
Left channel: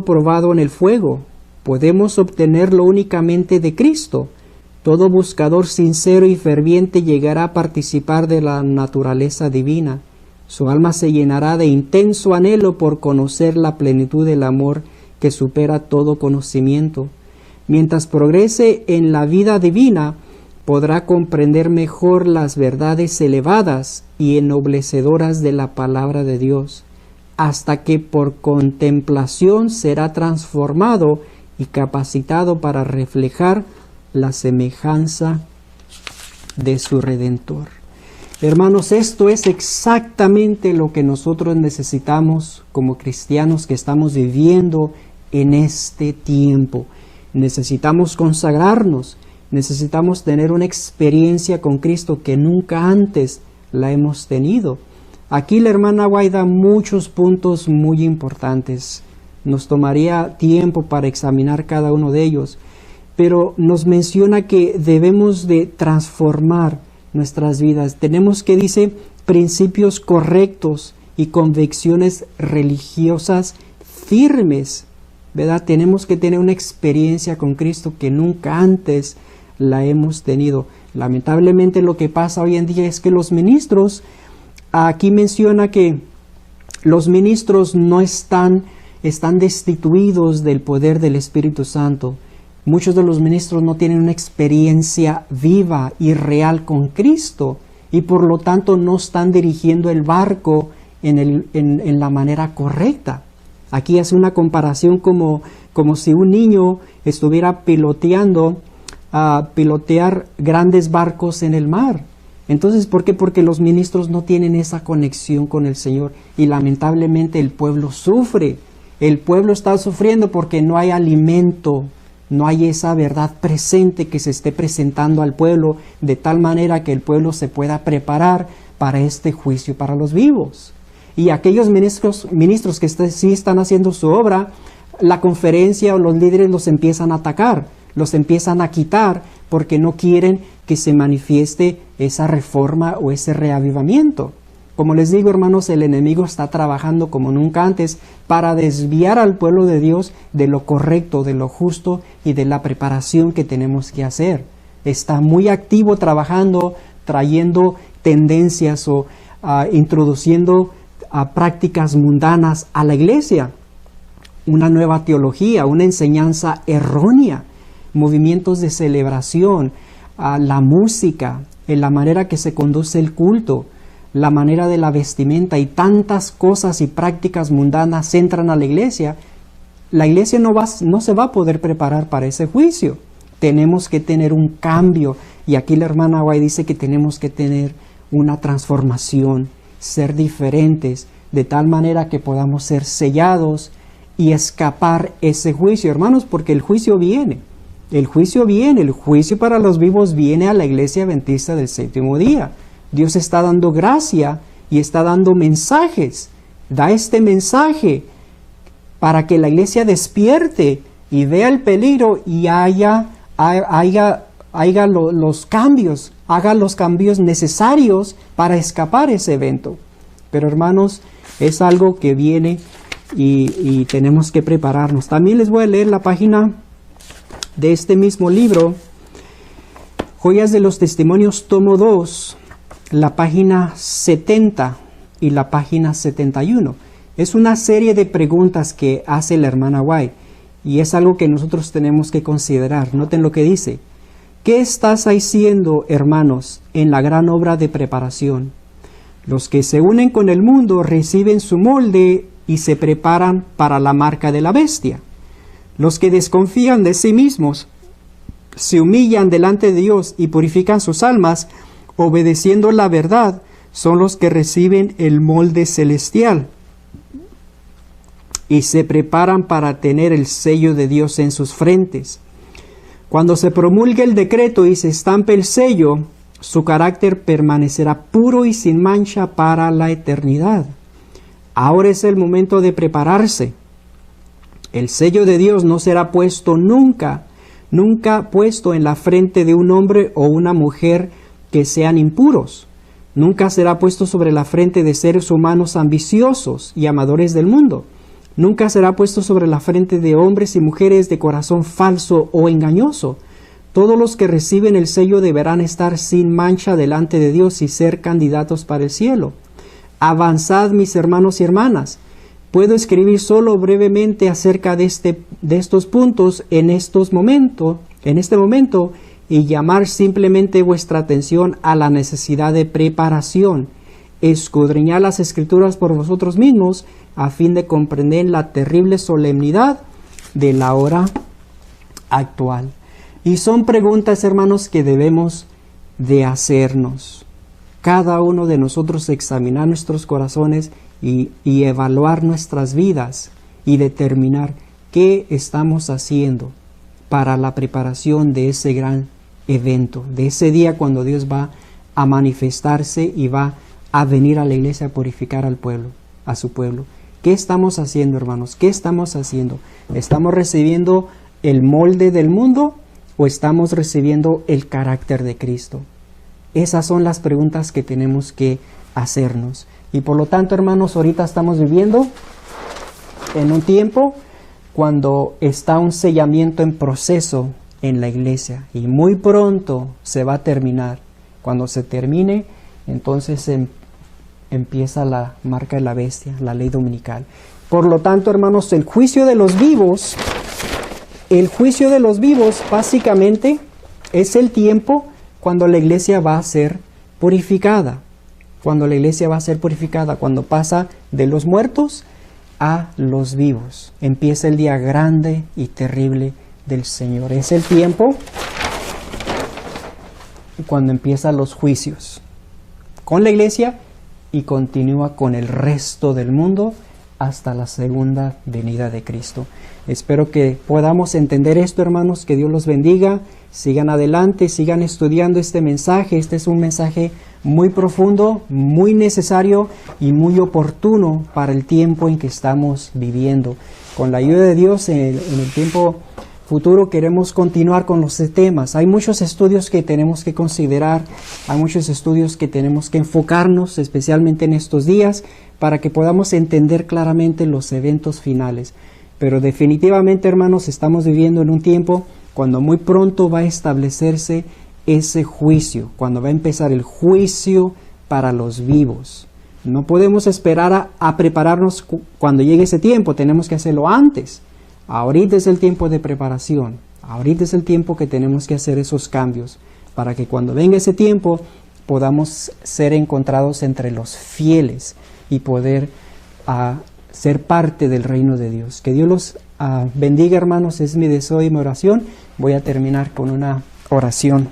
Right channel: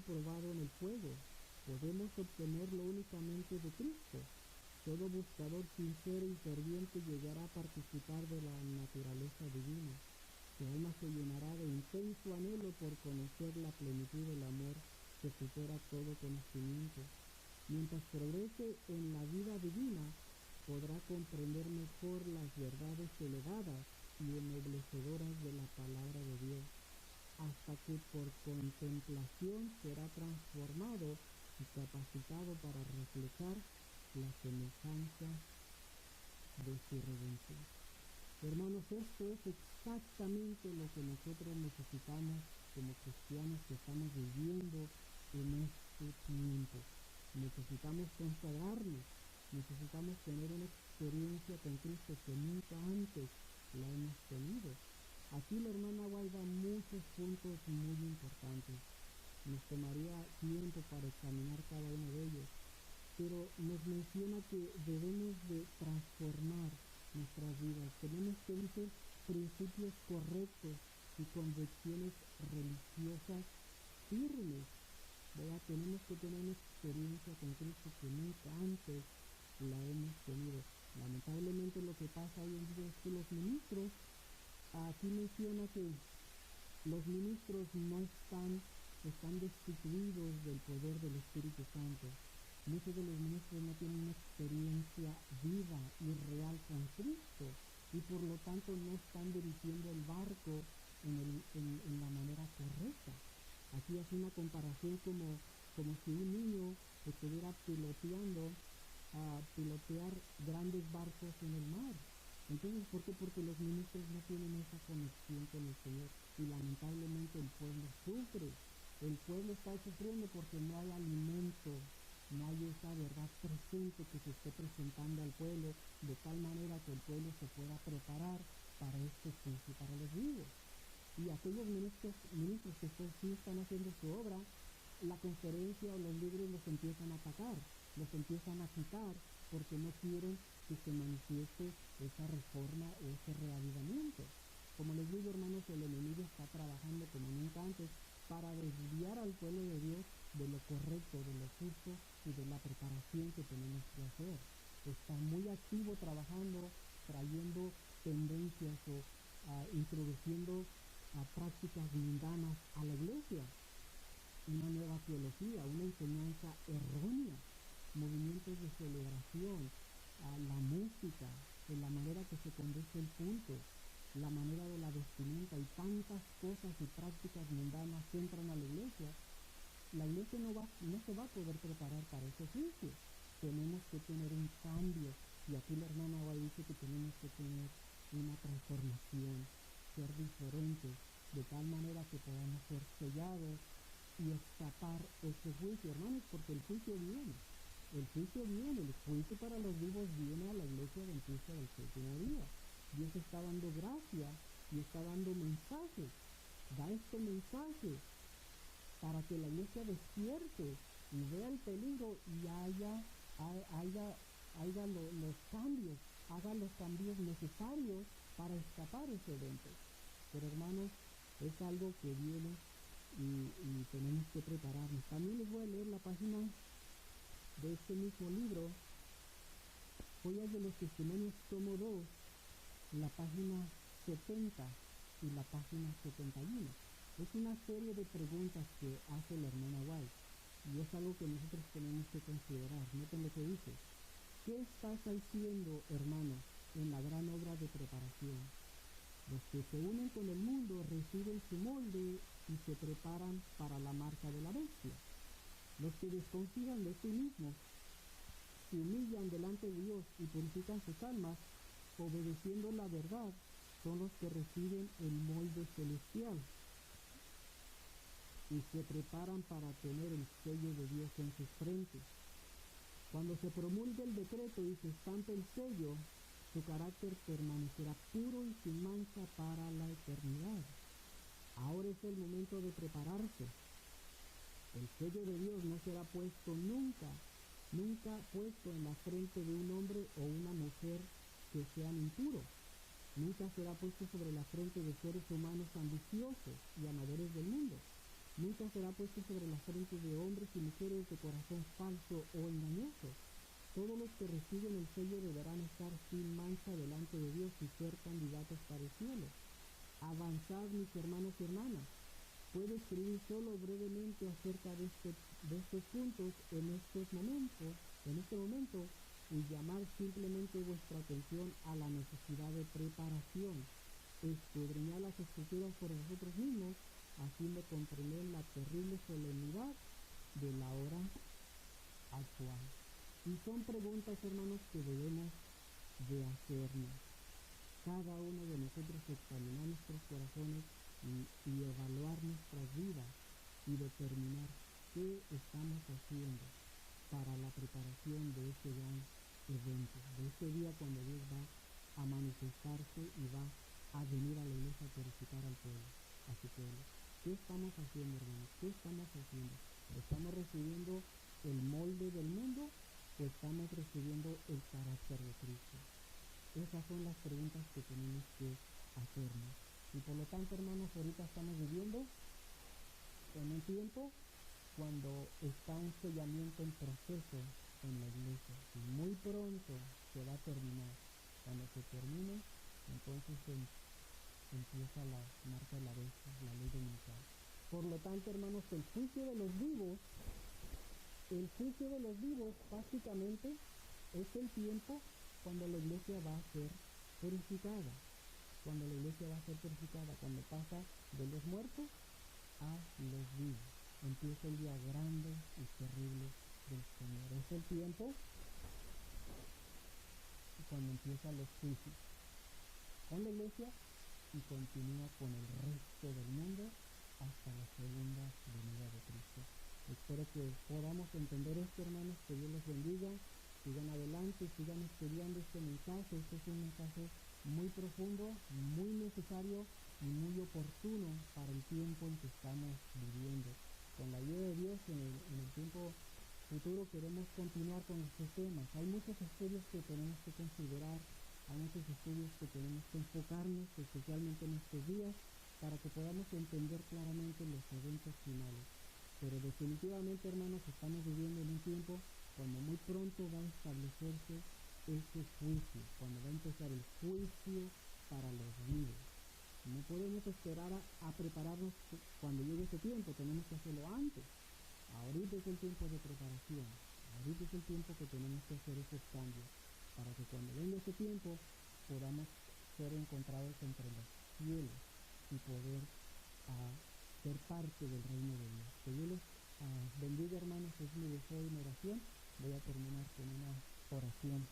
probado en el fuego. Podemos obtenerlo únicamente de Cristo. Todo buscador sincero y ferviente llegará a participar de la naturaleza divina. Su alma se llenará de intenso anhelo por conocer la plenitud del amor que supera todo conocimiento. Mientras progrese en la vida divina, podrá comprender mejor las verdades elevadas y ennoblecedoras de la palabra de Dios, hasta que por contemplación será transformado y capacitado para reflejar la semejanza de su Redentor. Hermanos, esto es exactamente lo que nosotros necesitamos como cristianos que estamos viviendo en este tiempo. Necesitamos consagrarnos, necesitamos tener una experiencia con Cristo que nunca antes la hemos tenido. Aquí la hermana White da muchos puntos muy importantes. Nos tomaría tiempo para examinar cada uno de ellos, pero nos menciona que debemos de transformar nuestras vidas. Tenemos que, dice, principios correctos y convicciones religiosas firmes, ¿verdad? Tenemos que tener una experiencia con Cristo que nunca antes la hemos tenido. Lamentablemente lo que pasa hoy en día es que los ministros, aquí menciona que los ministros no están destituidos del poder del Espíritu Santo. Muchos de los ministros no tienen una experiencia viva y real con Cristo y por lo tanto no están dirigiendo el barco en la manera correcta. Aquí hace una comparación como si un niño estuviera pilotear grandes barcos en el mar. Entonces, ¿por qué? Porque los ministros no tienen esa conexión con el Señor y lamentablemente el pueblo sufre. El pueblo está sufriendo porque no hay alimento, no hay esa verdad presente que se esté presentando al pueblo de tal manera que el pueblo se pueda preparar para este juicio para los vivos. Y aquellos ministros que sí están haciendo su obra, la conferencia o los líderes los empiezan a atacar, los empiezan a quitar porque no quieren que se manifieste esa reforma o ese reavivamiento. Como les digo, hermanos, el enemigo está trabajando como nunca antes para desviar al pueblo de Dios de lo correcto, de lo justo y de la preparación que tenemos que hacer. Está muy activo trabajando, trayendo tendencias o introduciendo prácticas mundanas a la iglesia. una nueva teología, una enseñanza errónea, movimientos de celebración, la música, en la manera que se conduce el culto, la manera de la vestimenta y tantas cosas y prácticas mundanas entran a la iglesia no se va a poder preparar para ese juicio. Tenemos que tener un cambio, y aquí la hermana White dice que tenemos que tener una transformación, ser diferentes, de tal manera que podamos ser sellados y escapar ese juicio, hermanos, porque el juicio viene. El juicio viene, el juicio para los vivos viene a la iglesia adventista del séptimo día. Dios está dando gracia y está dando mensajes. Da este mensaje para que la iglesia despierte y vea el peligro y haga los cambios necesarios para escapar ese evento. Pero hermanos, es algo que viene y tenemos que prepararnos. También les voy a leer la página de este mismo libro, Joyas de los Testimonios, tomo 2, la página 70 y la página 71. Es una serie de preguntas que hace la hermana White y es algo que nosotros tenemos que considerar. Noten lo que dice. ¿Qué estás haciendo, hermanos, en la gran obra de preparación? Los que se unen con el mundo reciben su molde y se preparan para la marca de la bestia. Los que desconfían de sí mismos se humillan delante de Dios y purifican sus almas, obedeciendo la verdad, son los que reciben el molde celestial y se preparan para tener el sello de Dios en sus frentes. Cuando se promulgue el decreto y se estampe el sello, su carácter permanecerá puro y sin mancha para la eternidad. Ahora es el momento de prepararse. El sello de Dios no será puesto nunca puesto en la frente de un hombre o una mujer que sean impuros. Nunca será puesto sobre la frente de seres humanos ambiciosos y amadores del mundo. Nunca será puesto sobre la frente de hombres y mujeres de corazón falso o engañoso. Todos los que reciben el sello deberán estar sin mancha delante de Dios y ser candidatos para el cielo. Avanzad, mis hermanos y hermanas. Puedo escribir solo brevemente acerca de estos puntos en este momento, y llamar simplemente vuestra atención a la necesidad de preparación. Escudriñad las Escrituras por vosotros mismos, a fin de comprender la terrible solemnidad de la hora actual. Y son preguntas, hermanos, que debemos de hacernos. Cada uno de nosotros examinar nuestros corazones y evaluar nuestras vidas y determinar qué estamos haciendo para la preparación de ese gran evento, de ese día cuando Dios va a manifestarse y va a venir a la iglesia a purificar al pueblo, a su pueblo. ¿Qué estamos haciendo, hermanos? ¿Qué estamos haciendo? ¿Estamos recibiendo el molde del mundo o estamos recibiendo el carácter de Cristo? Esas son las preguntas que tenemos que hacernos. Y por lo tanto, hermanos, ahorita estamos viviendo en un tiempo cuando está un sellamiento en proceso en la iglesia y muy pronto se va a terminar. Cuando se termine, entonces empieza la marca de la bestia, la ley dominical. Por lo tanto, hermanos, el juicio de los vivos básicamente es el tiempo cuando la iglesia va a ser purificada. Cuando la iglesia va a ser purificada, cuando pasa de los muertos a los vivos. Empieza el día grande y terrible del Señor. Es el tiempo cuando empiezan los juicios con la iglesia y continúa con el resto del mundo hasta la segunda venida de Cristo. Espero que podamos entender esto, hermanos, que Dios los bendiga, sigan adelante, sigan estudiando este mensaje. Este es un mensaje muy profundo, muy necesario y muy oportuno para el tiempo en que estamos viviendo. Con la ayuda de Dios, en el tiempo futuro queremos continuar con los temas. Hay muchos estudios que tenemos que considerar, hay muchos estudios que tenemos que enfocarnos, especialmente en estos días, para que podamos entender claramente los eventos finales. Pero definitivamente, hermanos, estamos viviendo en un tiempo cuando muy pronto va a establecerse ese juicio, cuando va a empezar el juicio para los vivos. No podemos esperar a prepararnos cuando llegue ese tiempo, tenemos que hacerlo antes. Ahorita es el tiempo de preparación, ahorita es el tiempo que tenemos que hacer esos cambios, para que cuando venga ese tiempo podamos ser encontrados entre los fieles y poder ser parte del reino de Dios. Que Dios los bendiga, hermanos, es mi deseo y mi oración. Voy a terminar con una oración.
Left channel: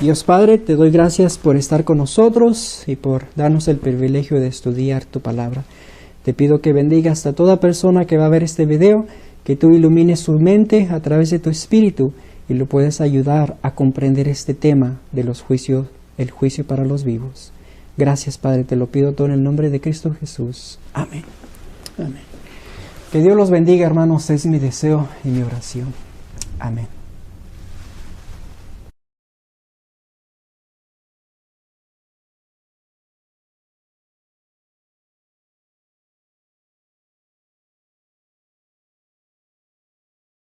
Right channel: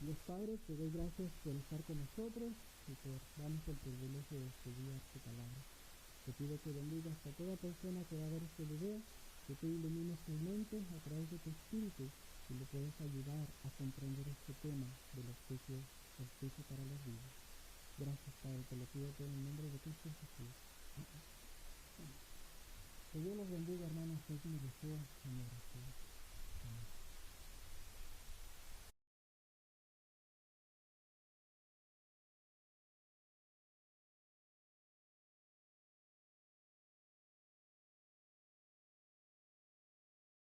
Dios Padre, te doy gracias por estar con nosotros y por darnos el privilegio de estudiar tu palabra. Te pido que bendigas a toda persona que va a ver este video, que tú ilumines su mente a través de tu Espíritu y lo puedes ayudar a comprender este tema de los juicios, el juicio para los vivos. Gracias, Padre, te lo pido todo en el nombre de Cristo Jesús. Amén. Amén. Que Dios los bendiga, hermanos, es mi deseo y mi oración. Amén.